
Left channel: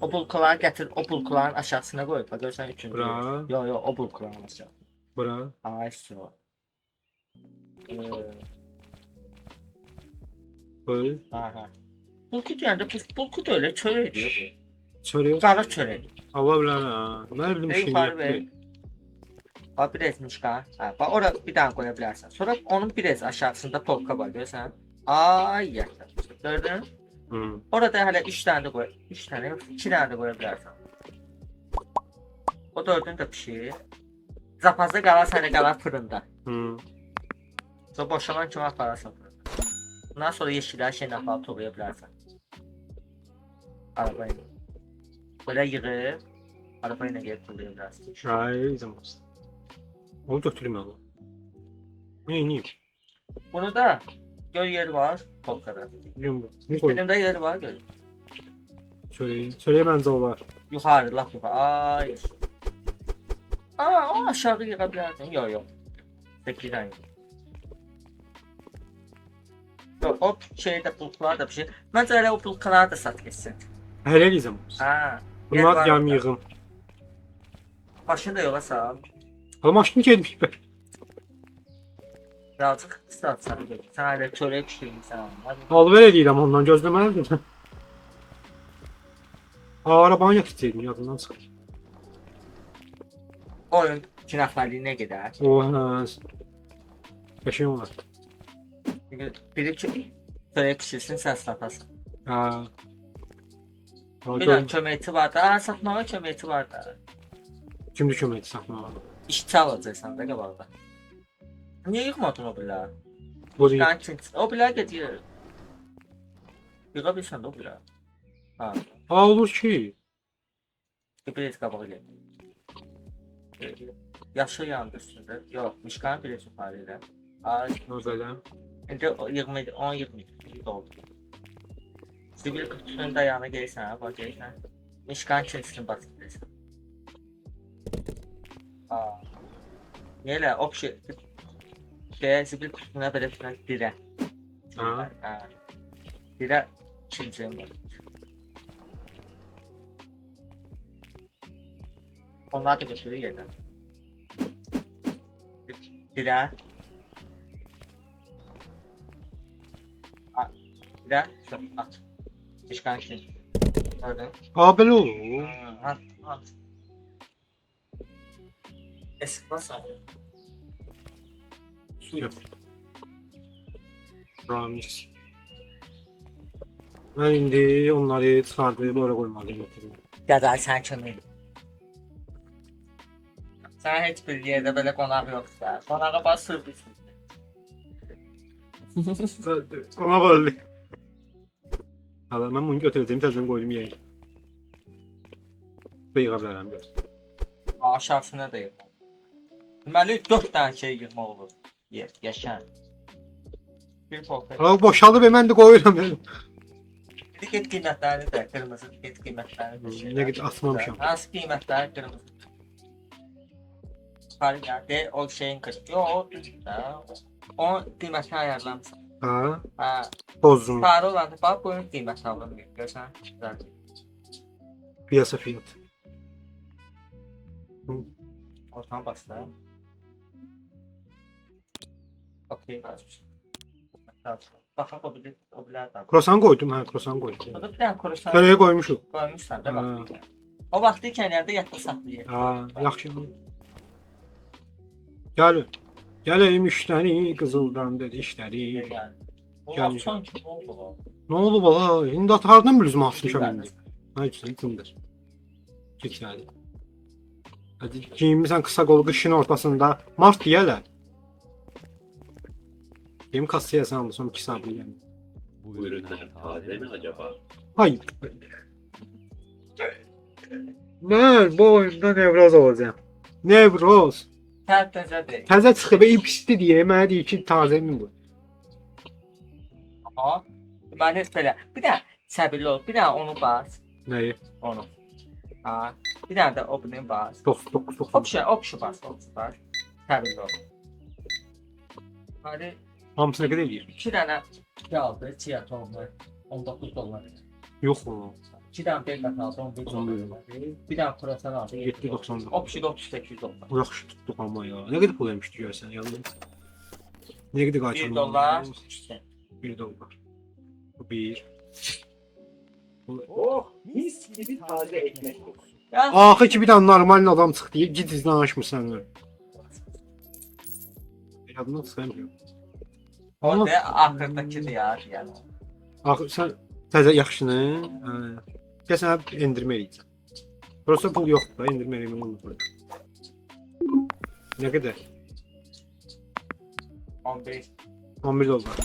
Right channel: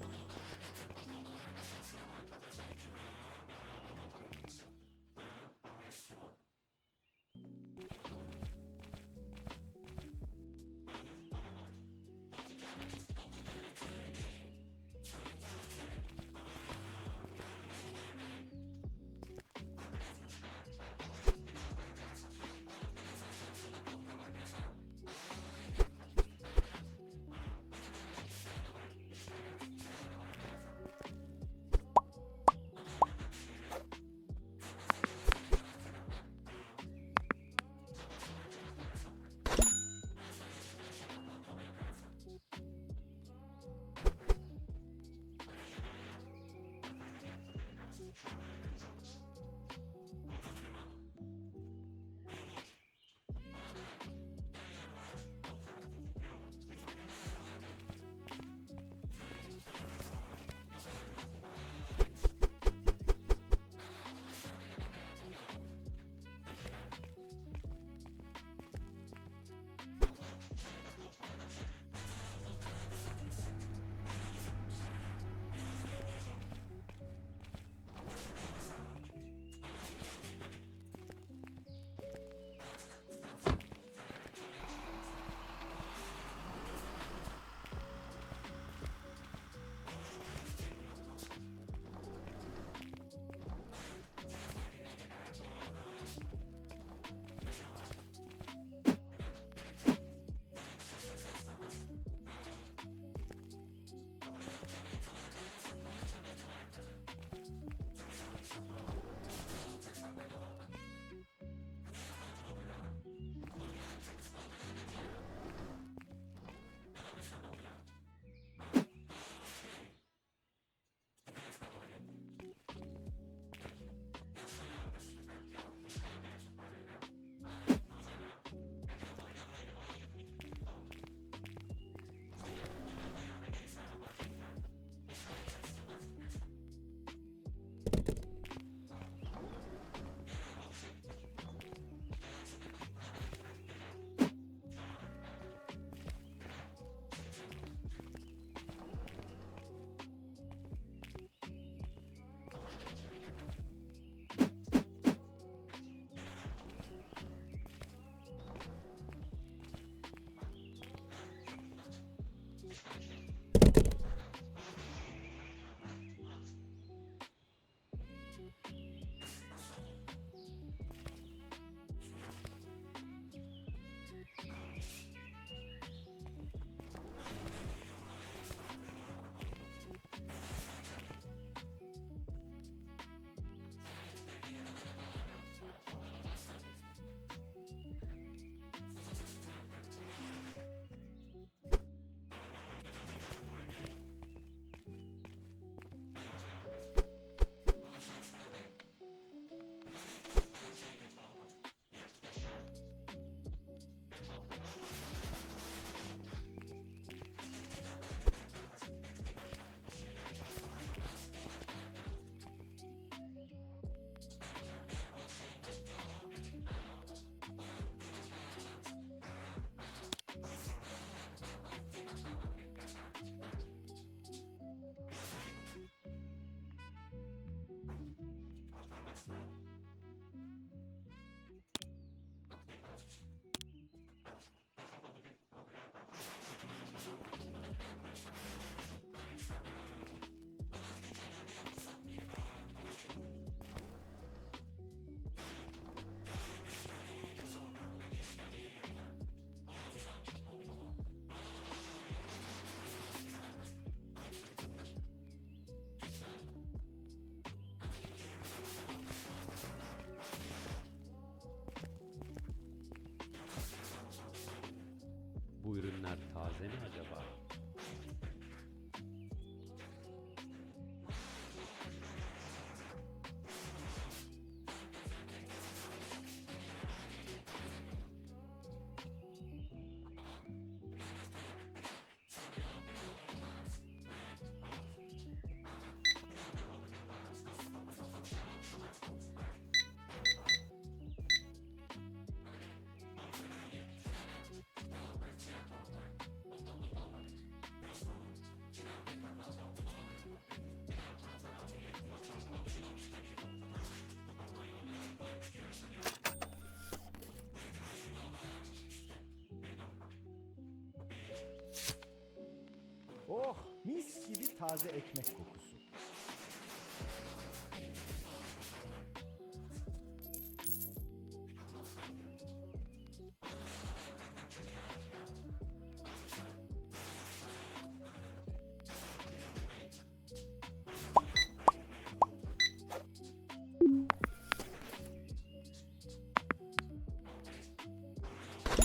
O bulkuları gətir, o bulkuların aşağısına qoy. Bax görsən üçüncü. bura, Yo, o bulkuların aşağı. bura. Ay, so. Böyle. Aha. Bulku deyəndə bulku da elə çörəkdir. Çörək. Qara çörək. Allah bilər ha. Mən bildim Ey, şey yuxarı ver. yaptı. Bax bir ezmiş qan. Ha, bax ora bir dənə qoya bilərsən. Sonra onun bir ez aşağısında polka var görsən. Ay, yaxşı. Gördün? Hı. Orada hələ 3 dənə də qoy. 3 dənə yox, 2 dənə də qoya bilərsən. O dördünü də bişir. Zapazda qalar sənə qalar fırında. Hı. Sonra boşalan kimi apararsan. Bundan sonra yeşillər şeylə aparıb toplaya bilərsən. Arabayı. Böyle yığıb, arabayla gəlib toplaya bilərsən. Ay zaman. Onu götürüm ya. Ne? Bunu da göl yeri var, polkada. Biliyorum bu. Ne koy? Elimdə yeri var, göl. Çöreğe bence o var. Yuxarı, laf yuxarı. Ay. Aa, o aşağı yığa bilərsən. Yox. Təklidən. Yox, o şeydə pulklar da bir şey. Məncə elə o pulkları da sat geçsin. Hele zaman. Ha. Bunlar yam yığım. Başını da yola sal. Ama maşını gelmiş be. Birazcık satsan. Sən hələ çörək pişirirsən. Al ver edeyim ondan gözlemelerdi. Aa arabanı yakıtsaydım yadından çıkar. Oyun 2 nəfərliyinə gedər. Oha. Yaşayım var. Çünki biri ki çörək pişirsin, sən satasan. Ha. Bir dənə köməkçi var da, satmağa köməkçi var da. Kimdi kömək satma. İşçi alacaqsan da qabaqda. Niyə yıxmadın o bilər? Bu değil. O bilər gedir. Yığa bilsən də o bilər. Ha, Aa olur ki. bir qabağa gəl. Yaşıl yandı üstündə. Yox, mişqanın bir yuxarı ilə. Ay, Özelden. indi 10-20 oldu. Sivil kutusunun dayağına gelirsən, bax gelirsən. Mişqanın içərisini basırsan. Aa. Niyə elə? O şey sivil kutusuna belə filan dirə. Ha. Ha. Dirə ikinciyim. Onlar da götürür yerdən. Dirə. Dirə. Aç. Mişqanın içərisini. Gördün? Aa böyle olur. At. Esmasa. Su yap. Ramis. Ben indi onları çıkardı böyle koymalıyım. Gadar sen kimi? Sen heç bir yerdə belə qonaq yoxsa. Qonağa bax sürpriz. Ona böyle. Abi ben bunu götüreceğim tezden koydum yere. Beyğablarım gör. Aşağısına da yox. Deməli 4 dənə şey yığmaq olur. Yaşan. Bir polka. Aa boşaldı be ben de koyuyorum dedim. Tiket qiymətləri də qırmızı tiket qiymətləri də. Ne git atmamışam. Hansı qiymətləri qırmızı? Fark gəldi, o şeyin qırmızı. Yox, o düzdür də. O qiymətini ayarlamışsın. Ha. Ha, Bozun. sarı olan bax bunun qiymətini alın. Görsən? Piyasa fiyat. Ortadan başla. Okey, başlayalım. Baxın, o bilər də. Krosan koydum ha krosan koydum. O da bir dənə kurusan Nereye koymuşum? qoymuşsan da Ha. bax. O vaxtı ikən yerdə yatdı saxlayır. Ha yaxşı. Gel. Geleyim işleri kızıldan dedi işleri. O Gəl. vaxt son kim oldu o? Ne oldu bala? Şimdi atardım biz mahsusam indi. Hayır yıkımdır. Çekildi. Hadi giyinmişsən kısa kol kışın ortasında. Mart diyeler. Benim kasaya sen aldı son 2 saat yani. Bu ürünler taze mi acaba? Hayır. Ben bu oyunda nevroz olacağım. Nevroz. Tərtəzədir. Təzə çıxıb pisdi deyə mənə deyir ki, taze mi bu? Aha. Mən heç belə. Bir də səbirli ol. Bir də onu bas. Nəyi? Onu. Ha. Bir də də o bunu bas. 9 Option bas. Səbirli ol. Hadi Hamısı nə qədər eləyir? 2 dənə aldı, chia tohumlar 19 dollar. Yox o. 2 dənə bel aldı 11 dollar. Bir dənə protein aldı 7.90. O pişi 38 dollar. Bu yaxşı tutduq amma ya. Nə qədər pul vermişdik görsən ya? Nə qədər 1 qaytardı? dollar. 1 dollar. Bu 1. Oh, mis gibi taze ekmek kokusu. Ya Axı ki bir dənə normal adam çıxdı. Git izlə danışmırsan. Yadını çıxarmıyorum. o da axırdakıdır ya yəni. Axı sən təzə yaxşını, gəl sənə endirmə eləyəcəm. Prosta pul yoxdur da, endirmə eləmək olmur. Nə qədər? 11 11 dollar.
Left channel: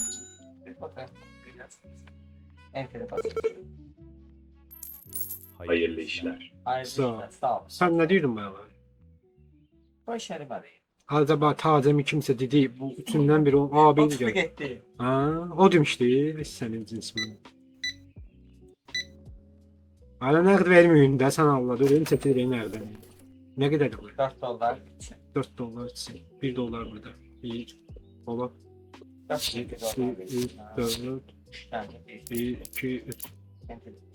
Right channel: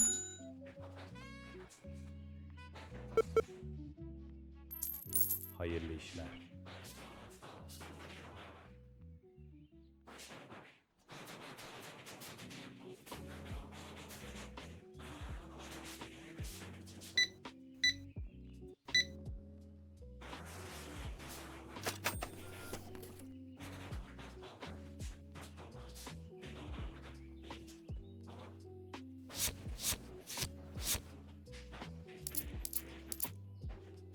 Hayırlı işler. Sağ ol. Sağ ol. Sən nə deyirdin bana? Boş yeri var. Acaba tazə mi kimsə dedi, bu üçündən biri o abi Otuz gəlir. getdi. Ha, o demişdi, sənin cinsimin. Hala nəqd verməyin də sən Allah, verin çəkilirəyin nəqdən. Nə qədərdir bu? 4 dollar. 4 dollar, 1 dollar burada. 1 dollar, 4 2, dollar. 3, 4, Yani 1, 2, 3.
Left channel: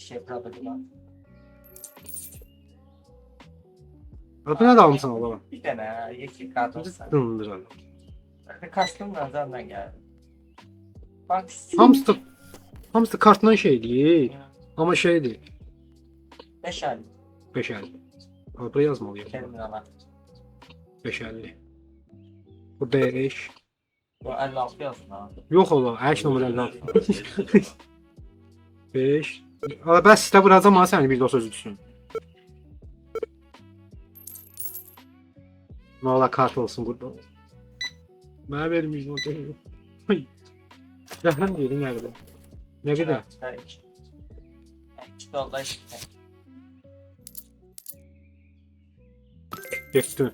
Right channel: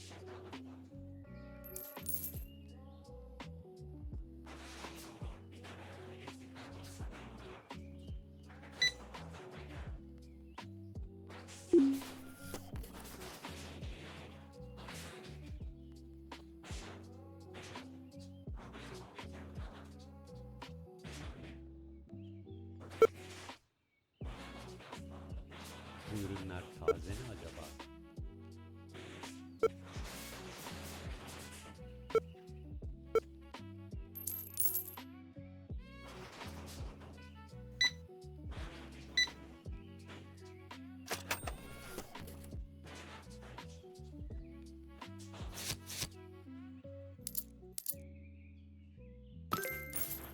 şey product var. Adı nə almışsan Allah? Bir dənə yeşil kart olsa. Dındır Allah. Kastım nazarına gəldi. Bak. Hamısı kartla şeydir. Amma şeydir. 5 ay 5 50. Buraya yazmalıyım. terminala. 550. Bu 5. Bu 56 yazın ha. Yox ola, əks nömrə 56. 5. Ala bəs sizə vuracam ha səni bir də o sözü düşün. Nə ola kart olsun burada. Mənə verməyəcək o deyil. Rəhmən deyilin nəqdə. Nə qədər? 2 dollar işte. Getdi.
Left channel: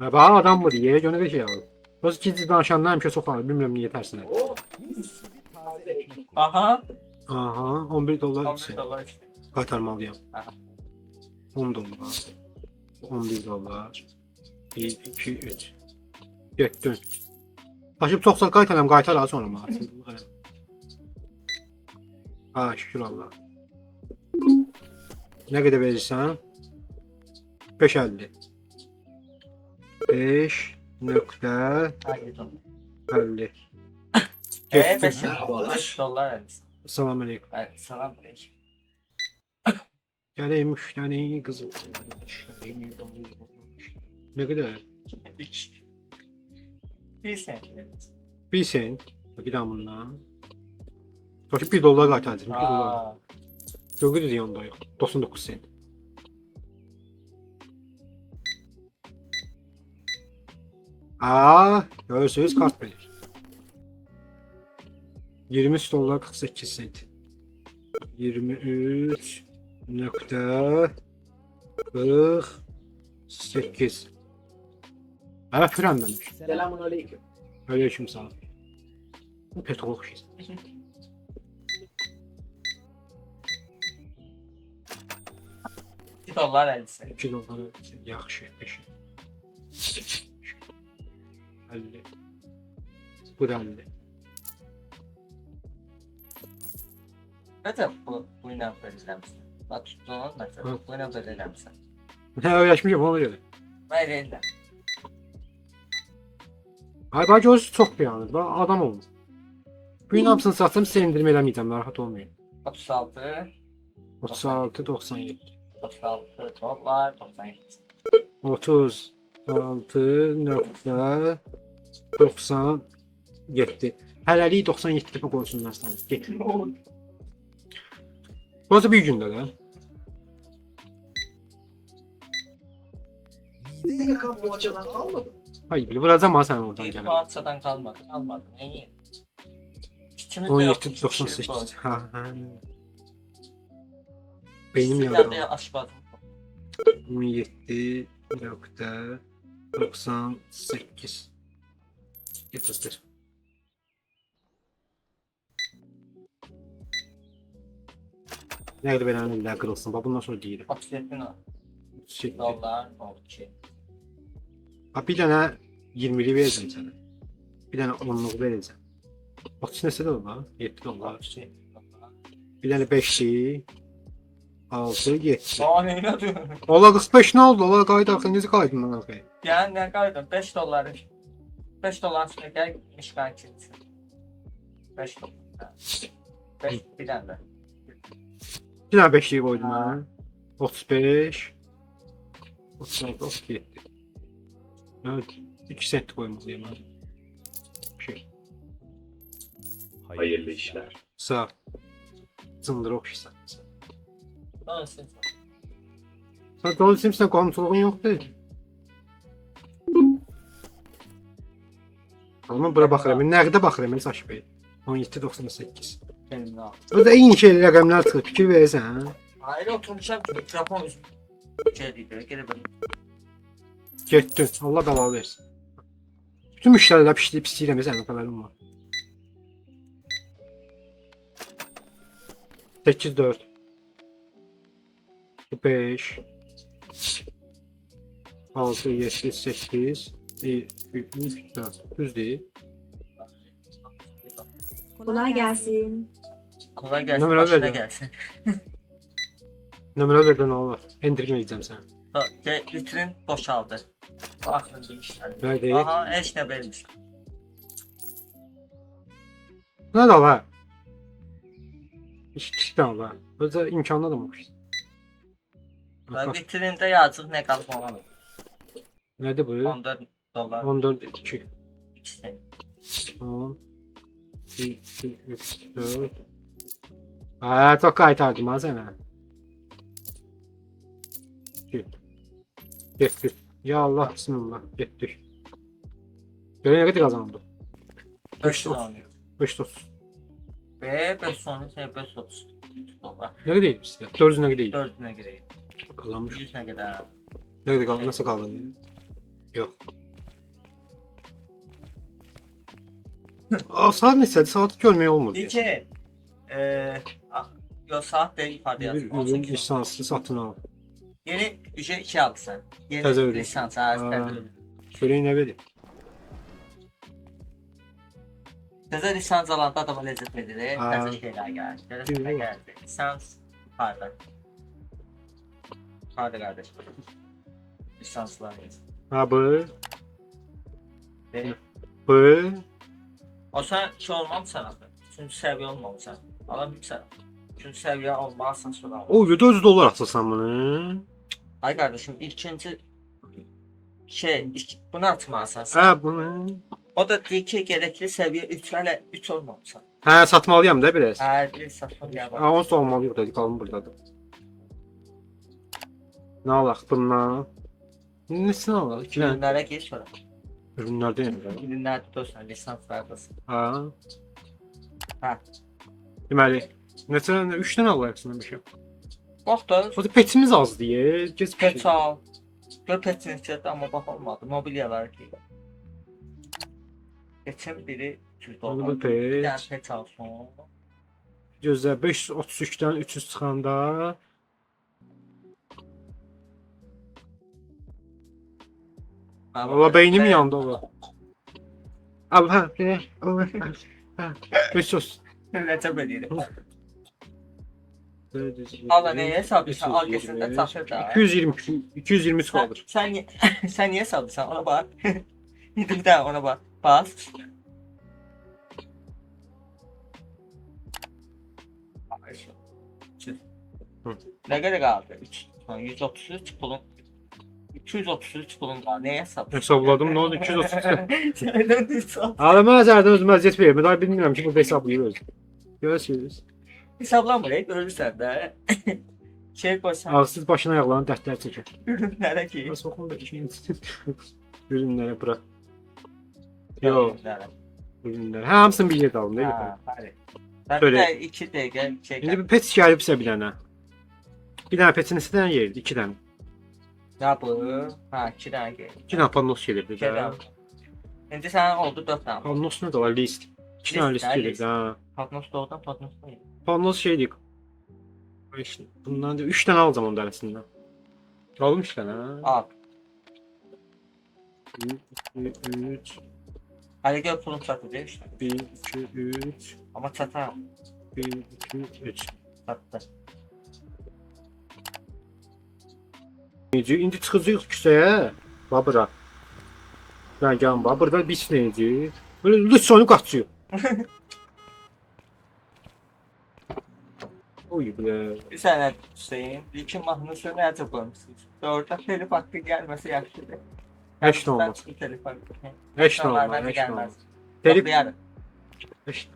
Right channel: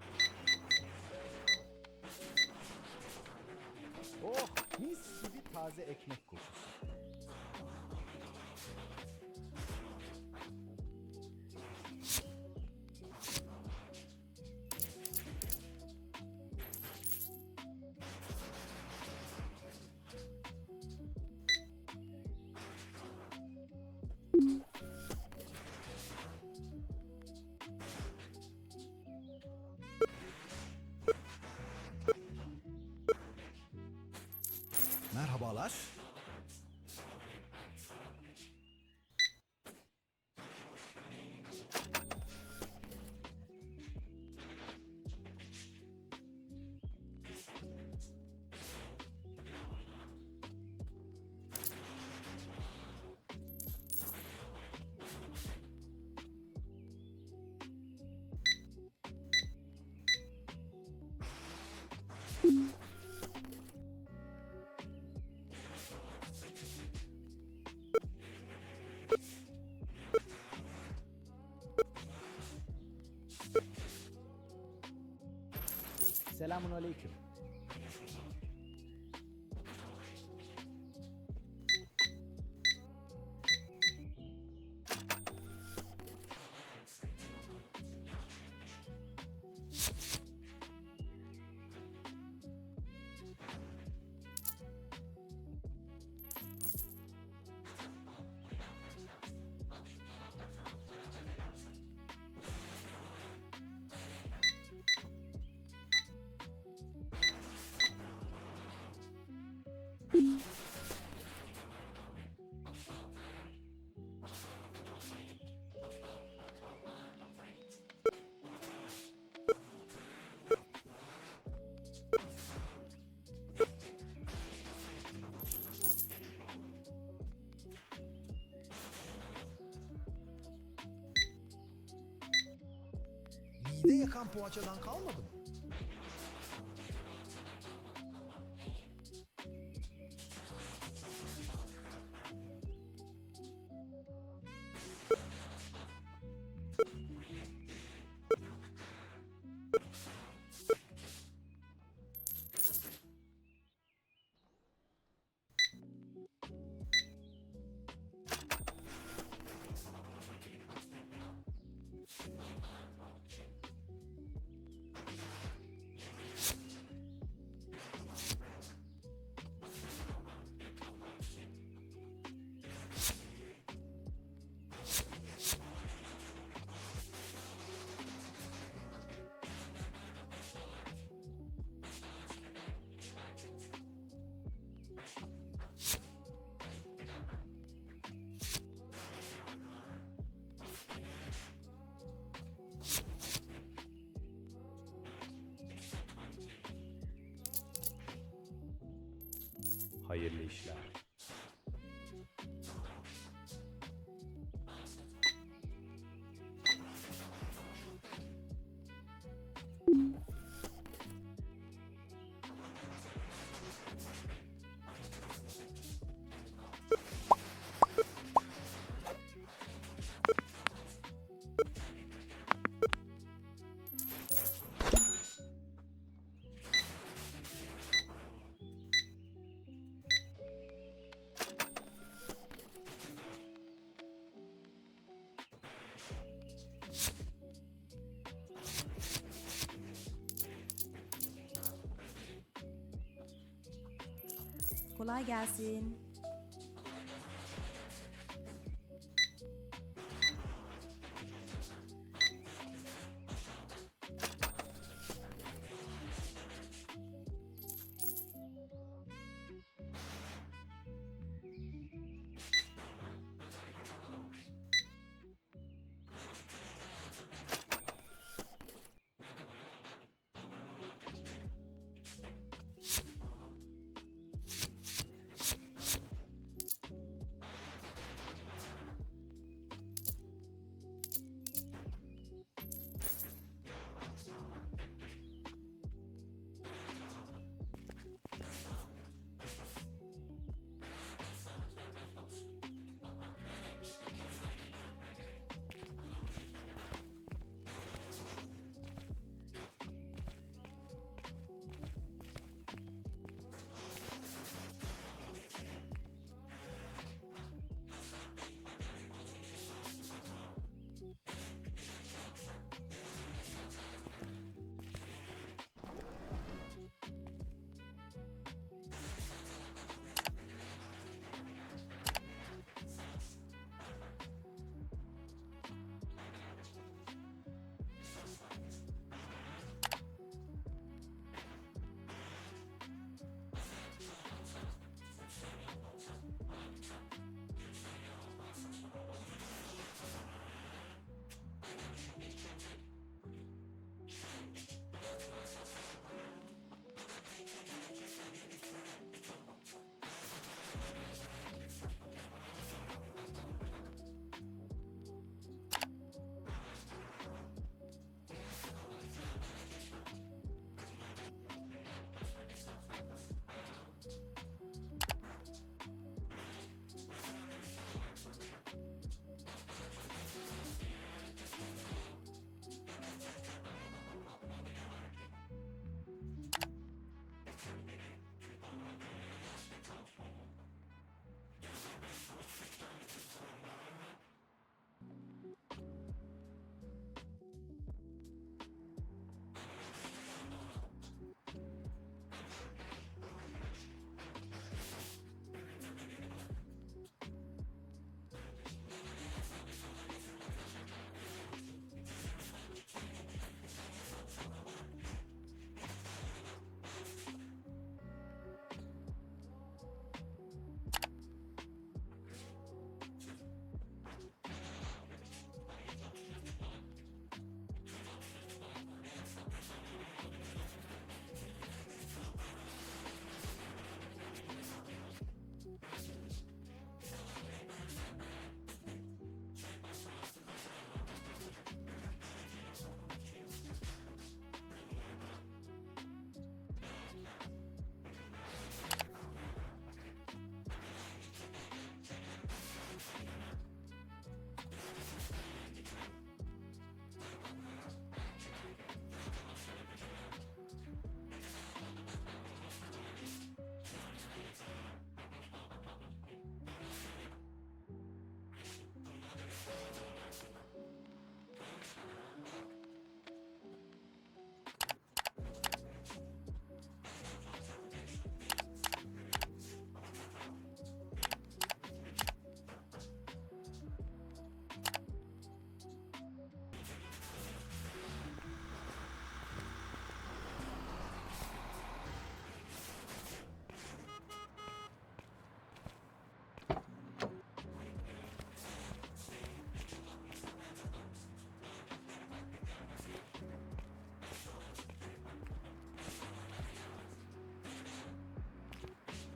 Və bax adam mı deyə görə bir şey alır. Öz gizli danışanlar həmişə çox alır, bilmirəm niyə tərsinə. Oh, mis gibi taze ekmek kokusu. Aha. Aha, 11 dollar 11 dollar işte. qaytarmalıyam. Aha. 10 dollar. 11 dollar. 1, 2, 3. Getdi. Daşıb çox sağ qaytaram, qaytar az sonra mənə. Ha, şükür Allah. Nə qədər verirsən? 5.50. 5.50. Hayır. 5 dollar. 5 dollar vermiş. Salam aleyküm. Evet, salam aleyküm. Gələk müştəni qızım. Nə qədər? 3. 1 sent. 1 sent. Bir daha bundan. Daşıb 1 dollar qaytardım. 1 dollar. Aa. Yox idi yanında yox. 99 sent. Aa, görürsünüz kart bilir. 23 dollar 48 sent. 23 nokta 48. Evet, frenlenmiş. Selamun aleyküm. Aleyküm selam. Bu petrol okşayız. $2 dollar 50 sent. 2 dolar yaxşı. 50. Bu da 50. Necə bu ilə verəcəksən? Bax, tutduğun məsələ. Bu ilə verəcəksən. Hə, öyrəşmişəm ona görə. Mən elə. Ay bak gözü çox beğenir. Bak adam olmuş. Bu gün hamısını satsam sizə endirim eləməyəcəm, narahat olmayın. 36 36, 97. 36 dollar 97. 36.97. Hələlik 97 dəfə qoysunlar sən. Get. Burası bir gündə də. Mide yakan poğaçadan kalmadı. Hayır, vuracam ha sən oradan Bir gəlin. parçadan kalmadı. Kalmadı. Neyi? 17.98. Ha, ha. Beynim Bir yandı. de aşmadı. 17.98. Getirdir. Nerede benim elimden kırılsın? Bak bundan sonra değilim. 37 Şey, dollar oldu ki. ha bir tane 20'li vereceğim sana. Bir dənə 10'luq verəcəm. 30 neçə də olar? 7 dolar. Bir dənə 5'li. 6, 7. Aa neyine diyorsun? Ola 45 nə oldu? Ola qayıt axı necə qaydın lan axı? Yani ne kadar? 5 dolar. 5 dolar üstüne gel gitmiş kanki. 5 dolar. 5 bir tane. Bir dənə 5'liyi qoydum mən. 35. 36, 37. Evet. 2 sent koymalıyım ben. Şey. Hayırlı işler. Sağ ol. Zındır okşasan. Nasıl? Sen Donald Simpson komşuluğun yok değil. Ama bura baxıram. Nəqdə baxıram Saş Bey. 17.98. Senin ne? Bu da eyni şey rəqəmlər çıxır. Fikir verirsən, hə? Hayır oturmuşam. Japon üstü. Şey değil. Gene böyle. Getdin. Allah bəla versin. Bütün müştərilər pişləyib istəyirəm, sənin xəbərin var. 8-4 5 6 7 8 3 4 düz değil. Kolay gelsin. Kolay gelsin. Numara Başına verdim. gelsin. Nömrə verdən Allah. Endirməyəcəm sən. Vitrin boşaldı. Bakın demişler. Nə deyil? Aha eş ne vermiş. Nə da var? İşte var. Özə imkanlı da olmuş. Vitrinde yazık ne kalıp ona. Nədir bu? 14 dolar. 14 2 İşte. 10 2 3 4 Aa, çok qaytardım ha sənə. Getdik. Ya Allah bismillah. Getdik. Görün nə qədər qazandı? 5 dolar. 5 dolar. Ve 5 sonra şey 5 dolar. Nə qədər idi sizə? 400 nə qədər idi? 4'üne gireyim. Qazanmış. 100'üne kadar. Nə qədər qaldı? Nasıl qaldı? Yox. Aa, saat neçədir? Saatı görmək olmur. Diyece. Yo saat değil ifade yazdım. Ürün 18 lisanslı satın al. Yeni bir şey 2 aldı sen. Yeni Təzə ürün. lisans. Aa. Görək nə verir? Təzə lisans alanda adama lezzet verir. Aa. Təzə şeyler geldi. Təzə geldi. Lisans pardon. Hadi kardeş. Lisanslarımız. Ha bu. Ve Bu. o sen şey olmamışsan aslında. Üçüncü seviye olmamışsan. Alamıyorsan. Üçüncü seviye olmazsan sonra. O 400 dolar atırsan bunu. Ay kardeşim ikinci bunu atmazsan sen. Ha bunu. O da deyir ki gerekli seviye 3 hele 3 olmamışsan. Ha satmalıyam da biraz. Her bir satma ya bak. Ha o olmalıyıq da qalın burdadır. Nə alaq bundan? Nesini alaq? 2 dənə Ürünlere gir sonra. ürünlərdə yəni. Ürünler tutursan lisanslardasın. Ha. Ha. Deməli, neçə 3 dənə alarsın bir şey. Bak da O da petimiz az diye. Geç pet al. Gör petin ihtiyatı ama bak olmadı. Mobilyalar ki. Geçen biri 200 Onu dolar. bu Bir pet. tane pet alsın. Gözlə 533-dən 300 çıxanda Valla beynim yandı ola. Abi ha, ha. 500. Recep edelim. Allah neye hesaplaysan al Beş yüz gözünde taşır da. 220 223 Sen, kaldır. sen niye hesaplaysan ona bak. Bir daha ona bak. Bas. Ne kadar kaldı? 133 pulun. 233 pulun var. Neye hesaplıyorsun? Hesapladım ne oldu 230. Şeyden hesap. Ağlama zərdən özüm əziyyət verir. Daha bilmirəm ki burada hesablayır özüm. Görürsünüz. Hesaplanmayı ölürsen de. Şey koysan. Ağzsız başına ayaqlarını dərdlər çəkir. Ürünlere ki. Nasıl oxum da ürünlərə bırak. Yo, ürünlər. Hamısını bir yerdə alın değil mi? Ha, hadi. Ben Böyle. de 2 dakika çeker. İndi bir pet gəlibsə bir dənə. Bir dənə petin neçə dənə yerdi? 2 dənə. Ya bu. Ha 2 tane gel. 2 dənə pannos gəlirdi. Gel. Şimdi sen oldu 4 tane. Pannos nə də var? List. 2 dənə List, list ha, gəlirdi. list. Ha. Patnos doğudan patnos değil. Pannos şeydik. İşte bundan da 3 dənə alacağam onun arasından. Alım 3 dənə. Al. 3 Hadi gör pulum çatacak işte. 1, 2, 3, Ama çatar. 1, 2, 3. Çattı. İndi çıxacaq küçəyə. Babıra. Mən gəlin babırda bir neydi? Böyle lütfen qaçıyor. Oy be. Bir sene Hüseyin. İki mahnısı nerede koymuşsunuz? Orada telif hakkı gelmesi yaxşıdır. Heç nə olmaz. Telif hakkı. Heç nə Normalde olmaz. Heç nə gelmez. olmaz. Telif Toplayarım. Heç-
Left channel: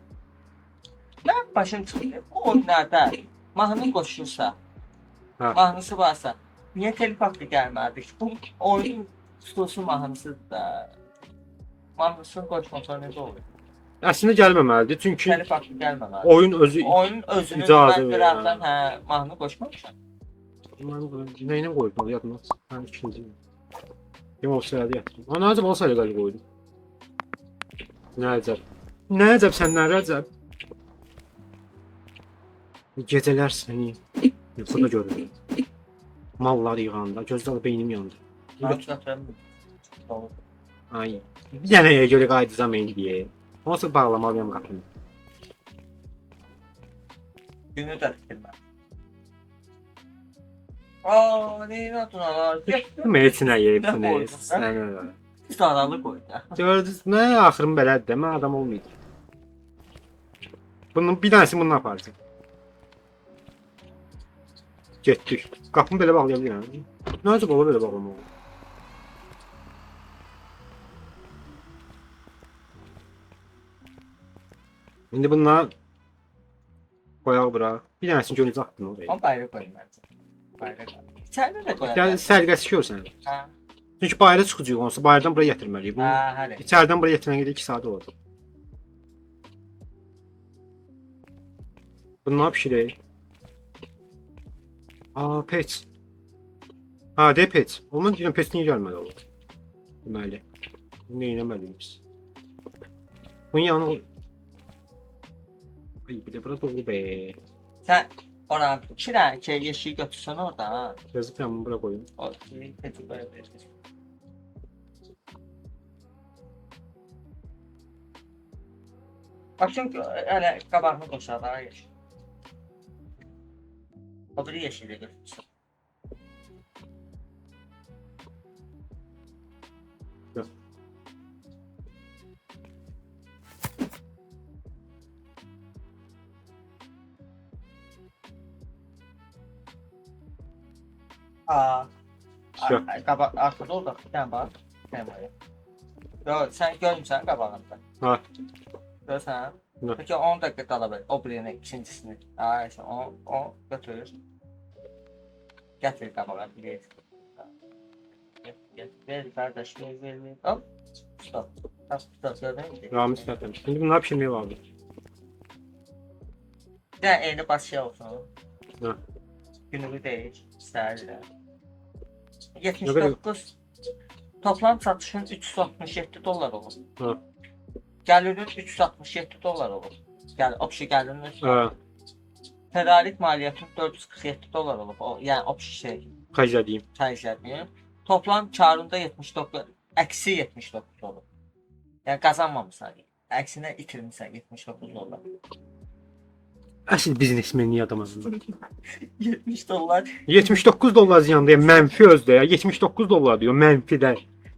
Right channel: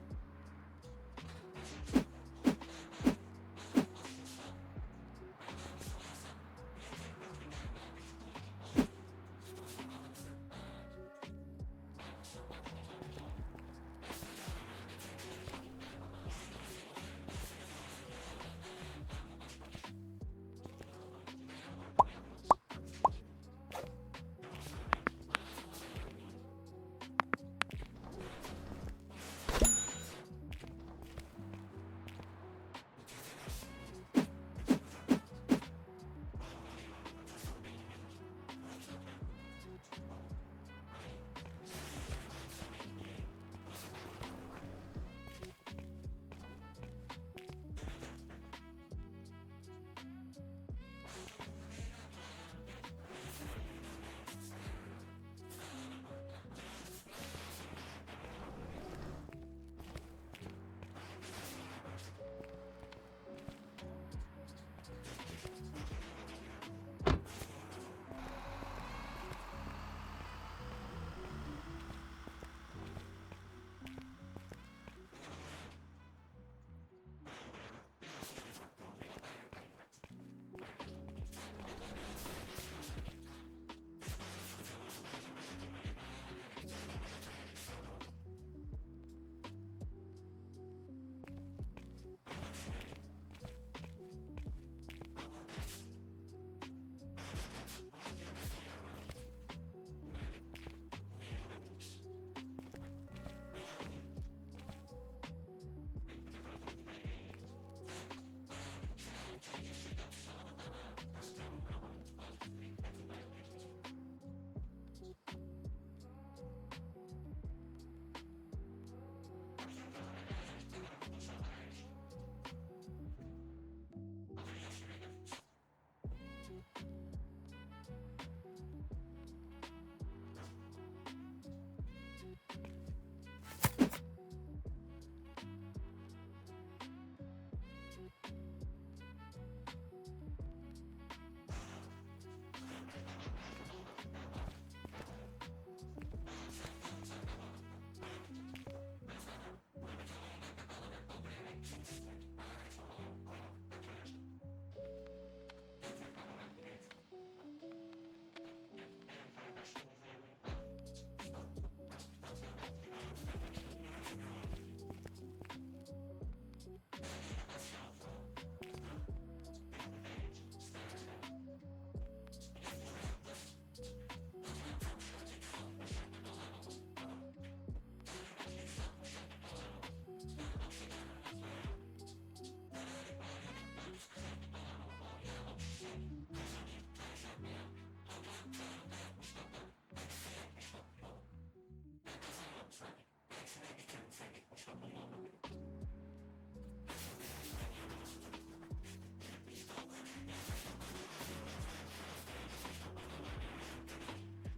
Ben başım çıkıyor. O oyunlarda mahnı koşursa, Ha. mahnısı varsa niye telif hakkı gelmezdi? Bu oyun stüdyosu mahnısı da mahnısını koşmasa ne olur? Əslində gəlməməlidir çünki Telif hakkı gelmemeli. oyun özü Oyunun özünü icazə ben verir, birazdan mahnı koşmamışım. nəyinə qoyub yadmaz. Həm ikinci. Kim olsaydı yatdım. Ana acaba olsaydı qalib qoydum. Nə əcəb. Nə əcəb sən nə əcəb. Gecələr səni yuxuda görürəm. Mallar yığanda gözlər beynim yandı. Ay. Bir dənəyə görə qayıdacam indi. Onsuz bağlamalıyam qapını. Günü de bitirmem. Aaa neyin adına lan? Meçinə yeyib Nə bunu. qoydun, hə? Sən öyle. Saralı koy. Gördünüz nə axırım belədir də mən adam olmayacağam. Bunun bir dənəsini bununla aparacağım. Getdik. Qapını belə bağlaya bilirəm. Nə acaba ola belə bağlamaq? İndi bunlar qoyaq bura. Bir dənəsini görəcək haqqın oraya. Ama bayrağı koyayım ben. Bayrağı koy. İçeride de koyalım. Yəni sərqəsi görsən. Ha. Çünki bayıra çıxacaq onsa bayırdan buraya gətirməliyik. Bunu Ha hadi. içəridən buraya gətirməyə 2 saat olur. Bunu nə pişirək? Aa, pet. Ha, de pet. Onun üçün pet niyə gəlməli olur? Deməli. Bunu eləməliyik. Bunun yanına... Ay, bir də bura dolu be. Sen ona iki tane şey yeşil götürsen orada ha. Yazık ben bunu bura koyayım. O şeyi peti koyabilirsin. Bak çünkü öyle kabağını koşar daha yeşil. O biri yeşile götürsün. Yok. Aa. Yok. Kabak arkada orada bir tane var. Bir tane var. Yo sen görmüşsən qabağında. Ha. Görsən? Yok. Peki 10 dakika talep et. O birini, ikincisini. Aa işte o götürür. Getir kabağa bir. Ver kardeş ver. Hop. Stop. Stop gördün mü? Ramiz zaten. Şimdi bunlar pişirmeye vardı. Bir de elini baş şey olsun. Ha. Günlüğü değil. İsterdi. 79. Toplam satışın 367 dolar olur. Ha. Gəlirin 367 dolar olur. Yəni opşi gəlirinin Ha. tədarik maliyyəti 447 dolar olur. O, yəni opşi şey Kaç diyeyim. xərclədiyi. Toplam karında 79, əksi 79 olur. Yəni qazanmamısan. Əksinə itirmisən 79 dolar. Əsl biznesmenliği adamı. 70 dolar. 79 dolar ziyandayım. Mənfi özdə ya. 79 dolar diyor mənfidə.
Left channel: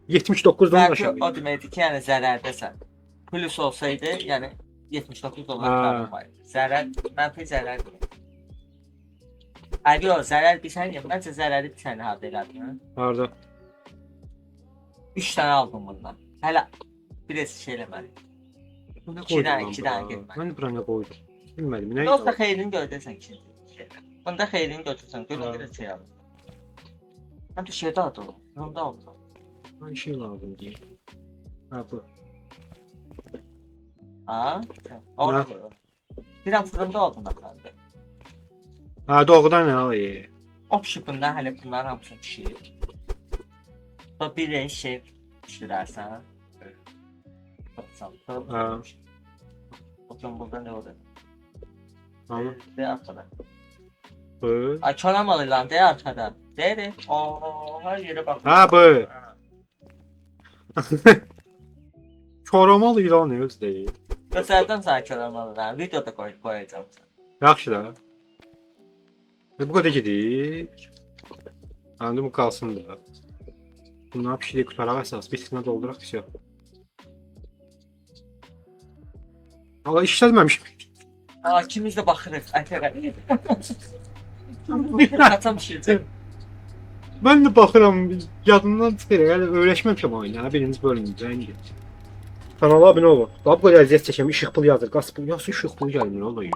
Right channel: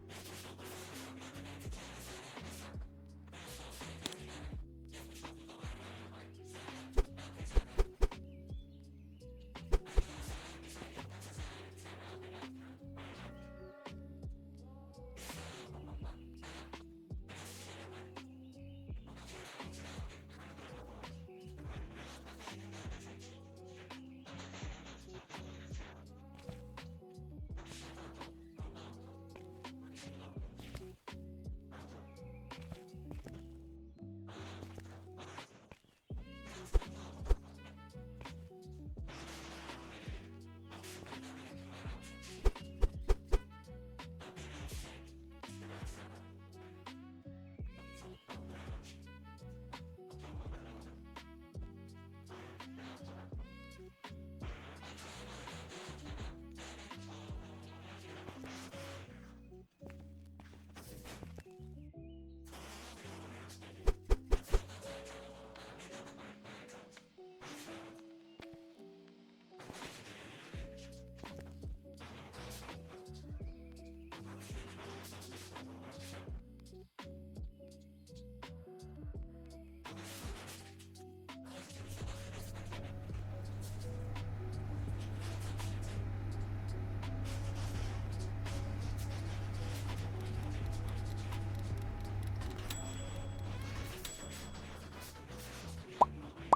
79'dan Bəlkə aşağı. o deməkdir ki, yəni zərərdəsən. Plus olsaydı, yəni 79 dolar Ha. qalmaydı. Zərər, mənfi zərər. Əgər o zərər bilsən, məncə zərəri bir sənə harda elədin, hə? Harda? 3 tane aldım bundan. Hələ bir şey eləməli. Bu ne İki koydun tane, lan iki bura? tane girmedi. Ben bura ne koydum? Bilmedim. Ne? Yoxsa xeyrini gördürsən ki. Bunda xeyrini götürsən, görə şey al. Həm də şeydə adı o. Yolda oldu. Bir şey lazım diye. Ha bu. Ha? Orada. Bir an fırında oldum ben. Ha doğrudan ne alayım? Opşipində hələ bunların hamısını pişirir. Da bir şey pişirərsən. Ha. Bakın burada ne oldu? Tamam. De arkada. Bu. Ay çalamalı lan de arkada. De. Oo her yere bak. Ha bu. Formal ilan öz deyil. Göstərdim sənə kərəmələrə. Videoda qoyacağım. Yaxşı da. Bu kadar gidik. Anladım bu kalsın da. Bunlar bir şey kurtarak esas. Bitkine doldurak bir şey. Valla işletmemiş. İkimiz də baxırıq. Ətərə. Atam şircək. Ben de bakıram yadımdan çıxır. Yani öyrəşməmişəm oyuna. Birinci bölümdə indi. Kanala abunə olun. Daha bu kadar əziyyət çəkəm. İşıq pul yazır. Qaz pul. Yoxsa işıq pul gəlmir. O da iyi.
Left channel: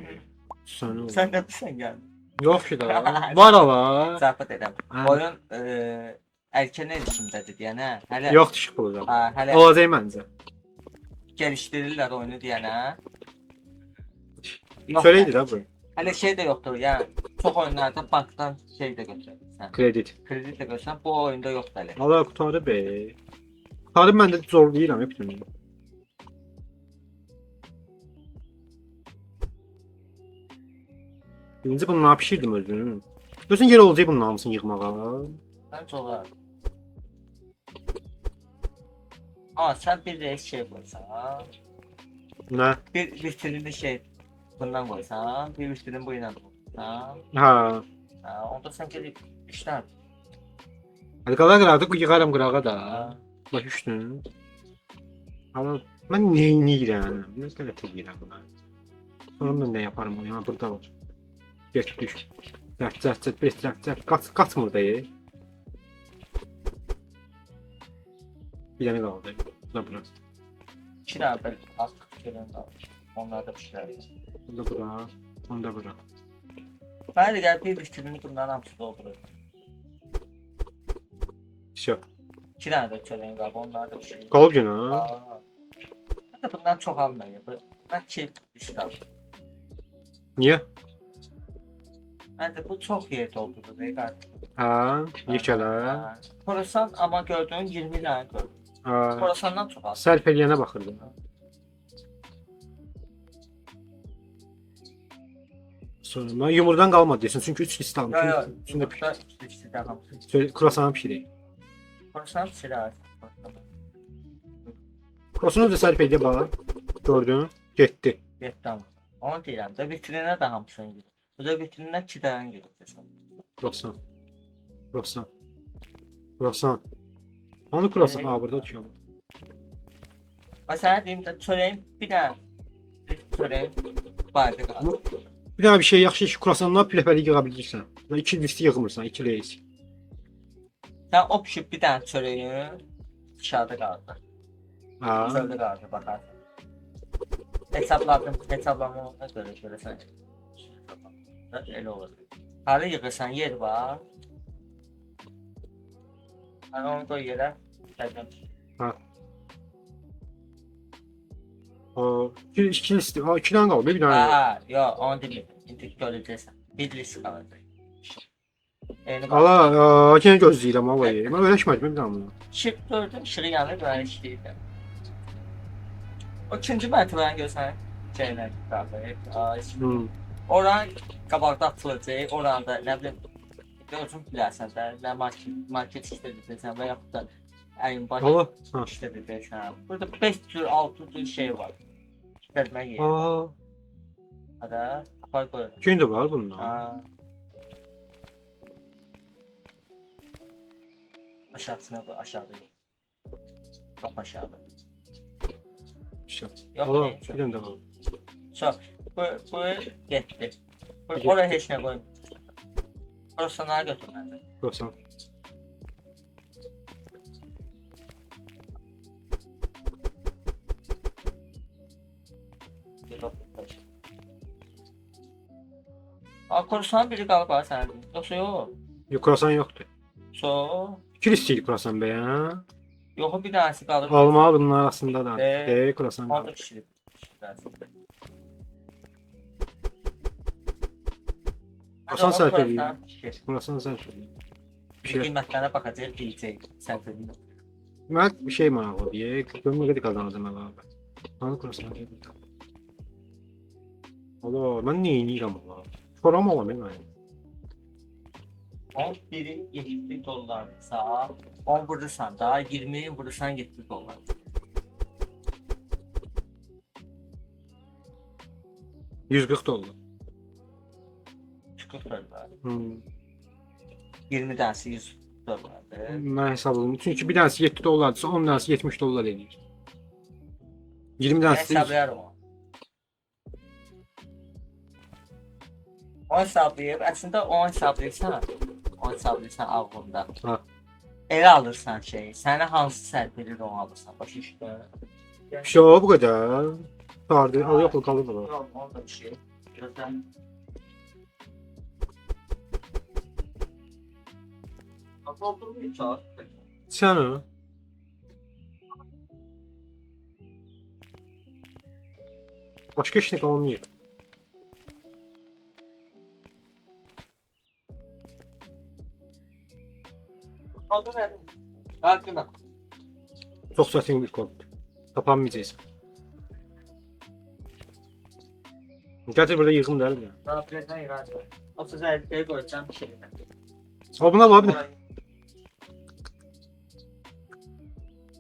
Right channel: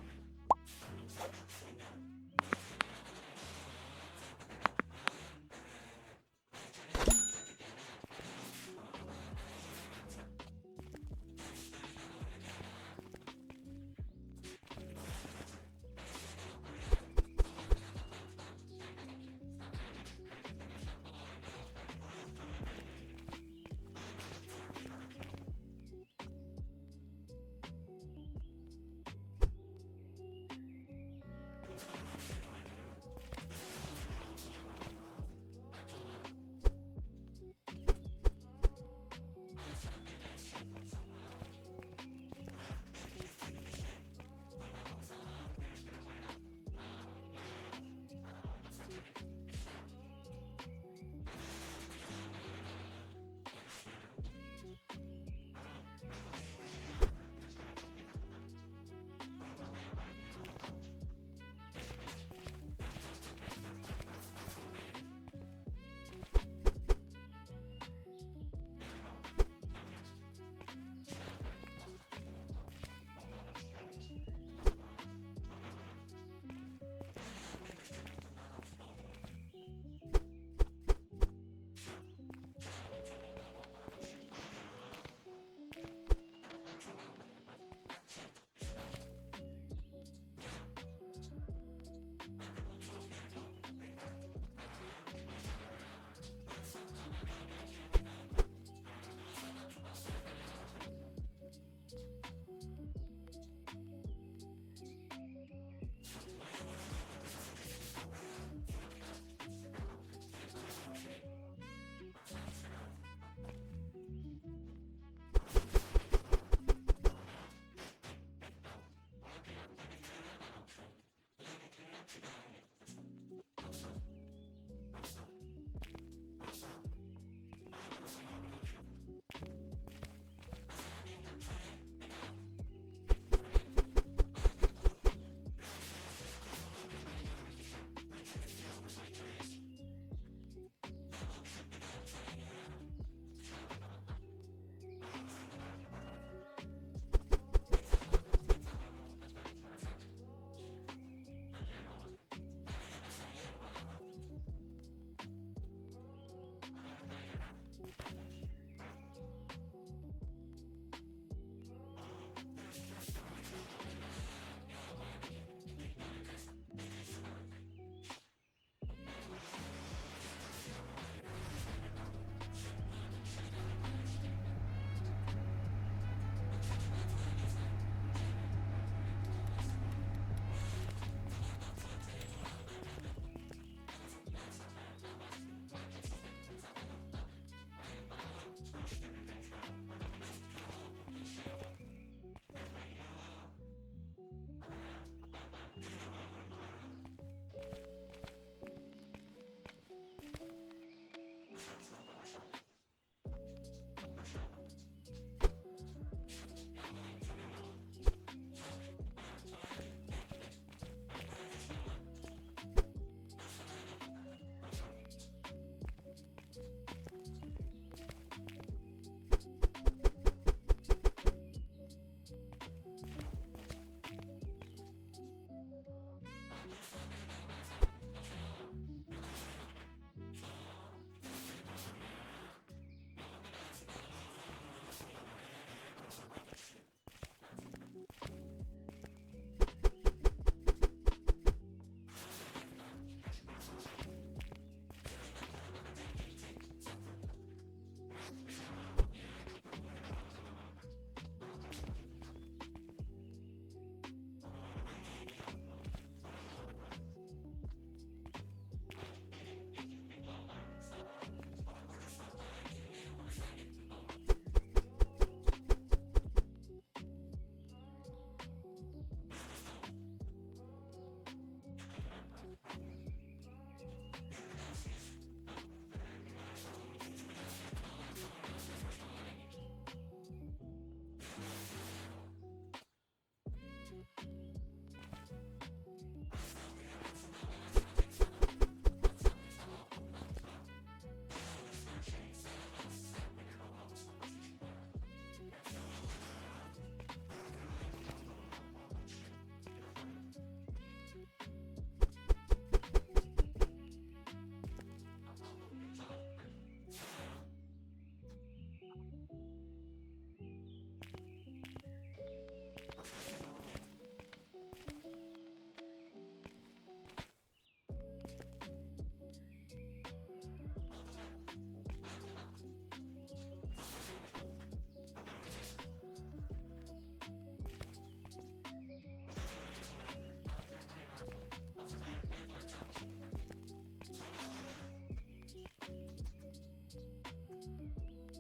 Sən ol. Sən qəbirsən gəl. Yox ki da. Var ala. Zəhbət edəm. Ha. Oyun erkən erişimdədir deyənə. Hələ Yox işıq pulu da. hələ Olacaq məncə. gəlişdirirlər oyunu deyənə. Söyleydi da bu. Hələ şey də yoxdur. Yəni çox oyunlarda bankdan şey də götürürsən. Kredit. Kredit də götürsən. Bu oyunda yoxdur hələ. Allah qutarı be. Qutarı mən də zorlayıram hep bunu. Birinci bunu ne pişirdim özünü. Özün yer olacaq bunun hamısını yığmağa. Bence olar. Ama sen bir de şey koysan. Ne? Bir vitrinli şey bundan koysan. Bir vitrin bu ile koysan. Ha. Onda sen gelip işler. Hadi qala qıraqda yığaram qırağa da. Ha. Baş üstün. Ama mən neyniyirəm? Nə qədər edirəm buna. Sonra mən nə yaparım bunu? Ya burada var. Geç düş. Cət. Qaçmır da. Bir dənə qaldı. Bu da bura. İki tane böyle az gelen var. Onlar da pişler. Bu da bura. Bu da bura. Ben de gel bir vitrinini bundan hamısı doldurur. Şo. İki tane de çöreğin var. Onlar da pişirir. Qalıb yenə. Ben de bundan çok almayayım. Ben çift işler. Niyə? Bence bu çok yer doldurdu. Beyler. Ha, yekələ. Khorasan ama gördüğün 20 tane gördüm. Ha. Khorasandan çok az. Sərf eləyənə baxırdım. Sonra mən yumurdan qalmadı desin çünki 3 list Yok almışım. yok. İçində Burada işte tamam. kruasan pişirək. Khorasan silah. Krosunu da sərf eləyə bax. Gördün? Getdi. Vietnam. Onu deyirəm də vitrinə də hamısını gidir. Bu da vitrinə 2 dənə gidir. Krosan. Hanı krosan? Ha, burada düşüyor. Mesela deyim də çörəyin bir dənə çörəyin bardı qaldı. Bir dənə bir şey yaxşı ki, krosanlar pləpəli yığa bilirsən. 2 listi yığmırsan, 2 reis. Sən o pişib bir dənə çörəyin dışarıda qaldı. Ha. Dışarıda qaldı baxar. Hesablamamına görə görəsən. Elə olur. Hara yığırsan yer var. Hani onu koy yerə. Ha. O 2 listi. Ha, 2 dənə qaldı, bir dənə. Ha, yo onu demeyeyim. İndik görəcəksən. Bir list qaldı. Allah, yenə gözləyirəm havayı. Mən öyrəşmədim bir daha bunu. Işıq gördüm, ışığı yanır, ben işləyirdim. O ikinci mərtəbəni görsən, şeylər qaldı. Oran qabaqda atılacaq, oranda nə bilim, özün bilərsən də, nə market işlədirsən və yaxud da əyin Allah. başı Ha. işlədirsən. Burada 5 tür, 6 tür şey var. İşlətmək yeri. Aa, Hada, apar qoy. gün də var bunun. Ha. Aşağısına koy, aşağıda. Çok aşağıda. Yok, Allah, ne? bir dənə də var. Çok. Bu yetti. Oraya heç nə koyma. Orası sana götürmeli. Krosan. Korsan biri qalıb ha sənin. Yoxsa yox. Yox, krosan yoxdur. So. 2 listi krosan be ya. Yox bir tanesi qalıb. Almalı bunun arasında da. Krosan. Orada pişirib. Krosan sərf eləyir. Krosan sərf eləyir. Bir şey. Qiymətlərə baxacaq, deyəcək. Sən dedin. Mən bir şey maraqlı deyək. Görmə qədər qazanacam əlavə. Hanı krosan? Allah, mən nə edirəm Allah? Foram olam mən. 11'in 70 dolarsa 10 vurursan da 20'yi vurursan 70 dolar. 140 dollar. $40. Hmm. 20 tanesi $100. Mən hesapladım. Çünki bir tanesi 7 dollardırsa 10 tanesi 70 dollar edir. 20 Ben tanesi hesaplayarım onu. O hesaplayıp, əslində o hesaplayırsan ağlında. Ha. Elə alırsan şey, sənə hansı səhv verir onu alırsan. Başa düşdün? bir şey o bu kadar. Vardı. O yok o kalır da. Yox, onu da bir şey. Gözdən. Doldurmayı çağır. Sen o. Başka işine kalmıyor. Adı nə? Qalqına. Çok zaten bir konu. Kapanmayacağız. Gerçi burada yıkım değil mi? Qalqına yığarsan. 30 əlbəyə qoyacam bir şey. O buna var bir de.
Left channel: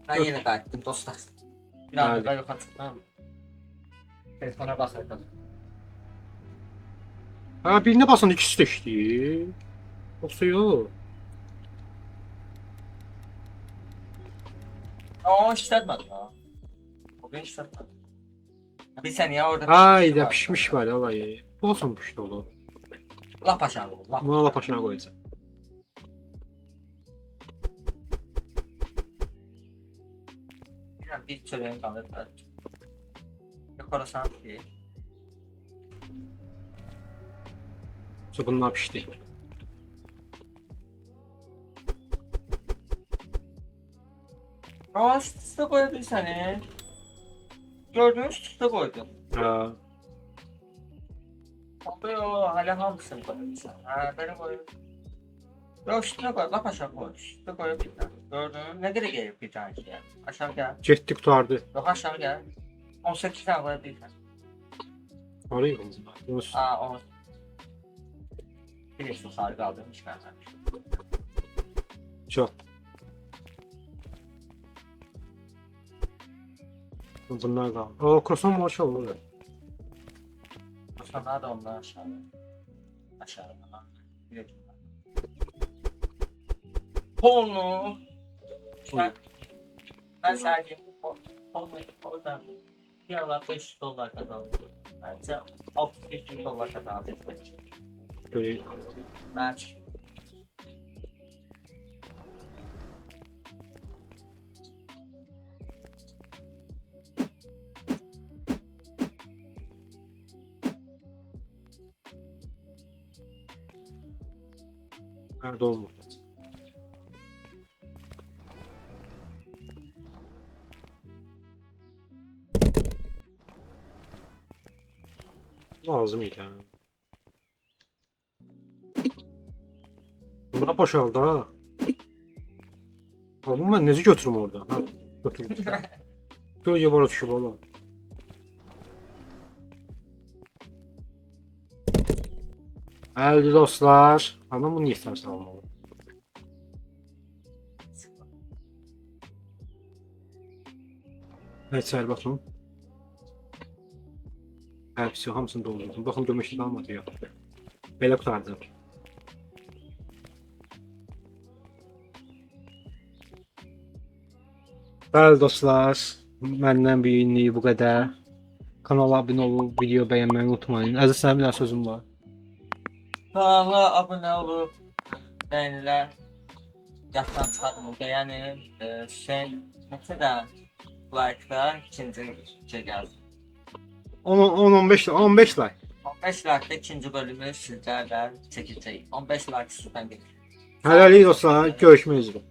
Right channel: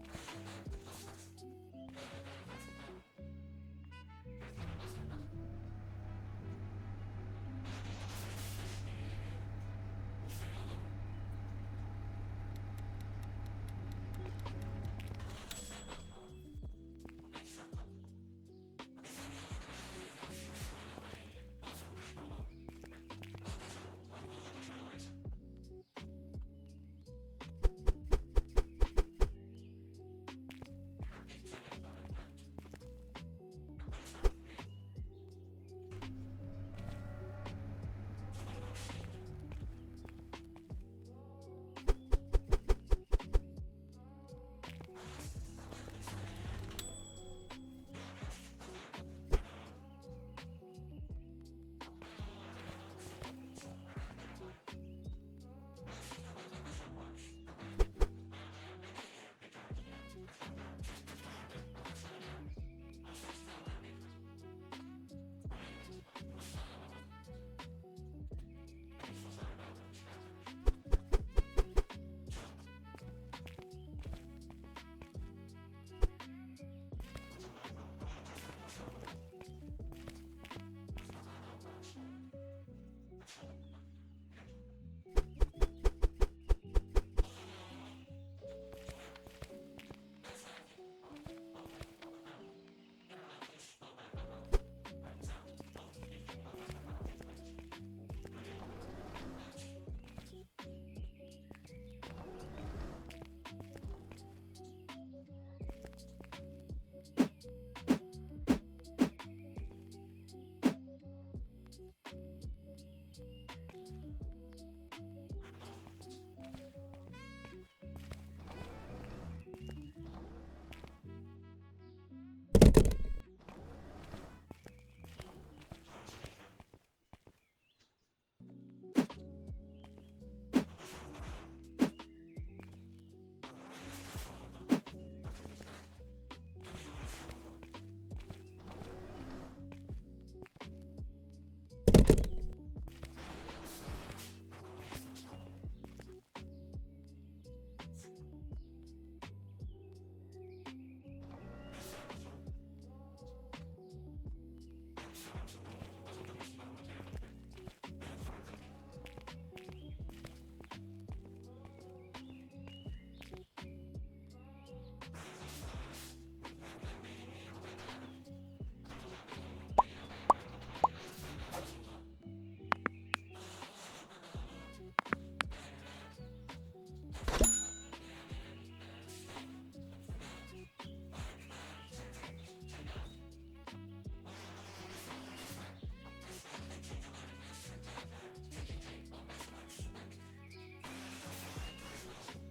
Ben yine qayıtdım dostlar. Bir anda da yoxa çıxdım. Telefona baxırdım. Ha birine basan ikisi de işleyir. Yoksa yok. O işlətmədi ya. O ben işlətmədi. Bir saniye orada Hayda var. pişmiş var alayı. Olsun pişti oğlum. Lap aşağı. Lap. Buna laf aşağı koyacağım. Bir çöreğin qalır. Yuxarısan değil. Sonra bunlar pişti. Ama üstüne koyabilirsen gördüğünüz üstüne koydum. Ha. Abi o hala hamısını koyabilirsen. Ha böyle koyuyorum. Yok üstüne koy. Lap aşağı koy. Üstüne koyabilirsen. Gördün. Ne kadar gelir bir tane ki yani. Aşağı gel. Getdik tutardı. Yok aşağı gel. 18 tane koyabilirsen. Orayı mı? Yunus. Aa 10. Bilirsin sarı kaldırmış benden. Çok. Bunlar da. O croissant maşa olur. Sonra da ondan aşağı. Aşağıda. Biliyorum. Onu. Ben sadece oradan bir ara $5 kazandım. Bence $65 kazandım. Böyle Ben nerede olmuş? Lazım iyi yani. Buna boşaldı ha. Oğlum ben nezi götürüm orada? Ha, götürüm. Gölge bana düşüp oğlum. Əldir dostlar. Anam bunu istersen almalı. Evet səhər baxın. Hepsi hamısını doldurdum. Baxın gömüşlü qalmadı ya. Belə qutardı. Bəli dostlar, məndən bir günlük bu qədər. Kanala abunə olub, video bəyənməyi unutmayın. Əziz sənin bir dənə sözüm var. kanala abone olup beğeniler yaptan çıkartmayı beğenin. Mesela like'lar ikinci şey geldi. 10-15 like. 15 like'da ikinci bölümü sizlerle çekeceğim. 15 like sizden gelir. Hələlik dostlar, görüşmək üzrə.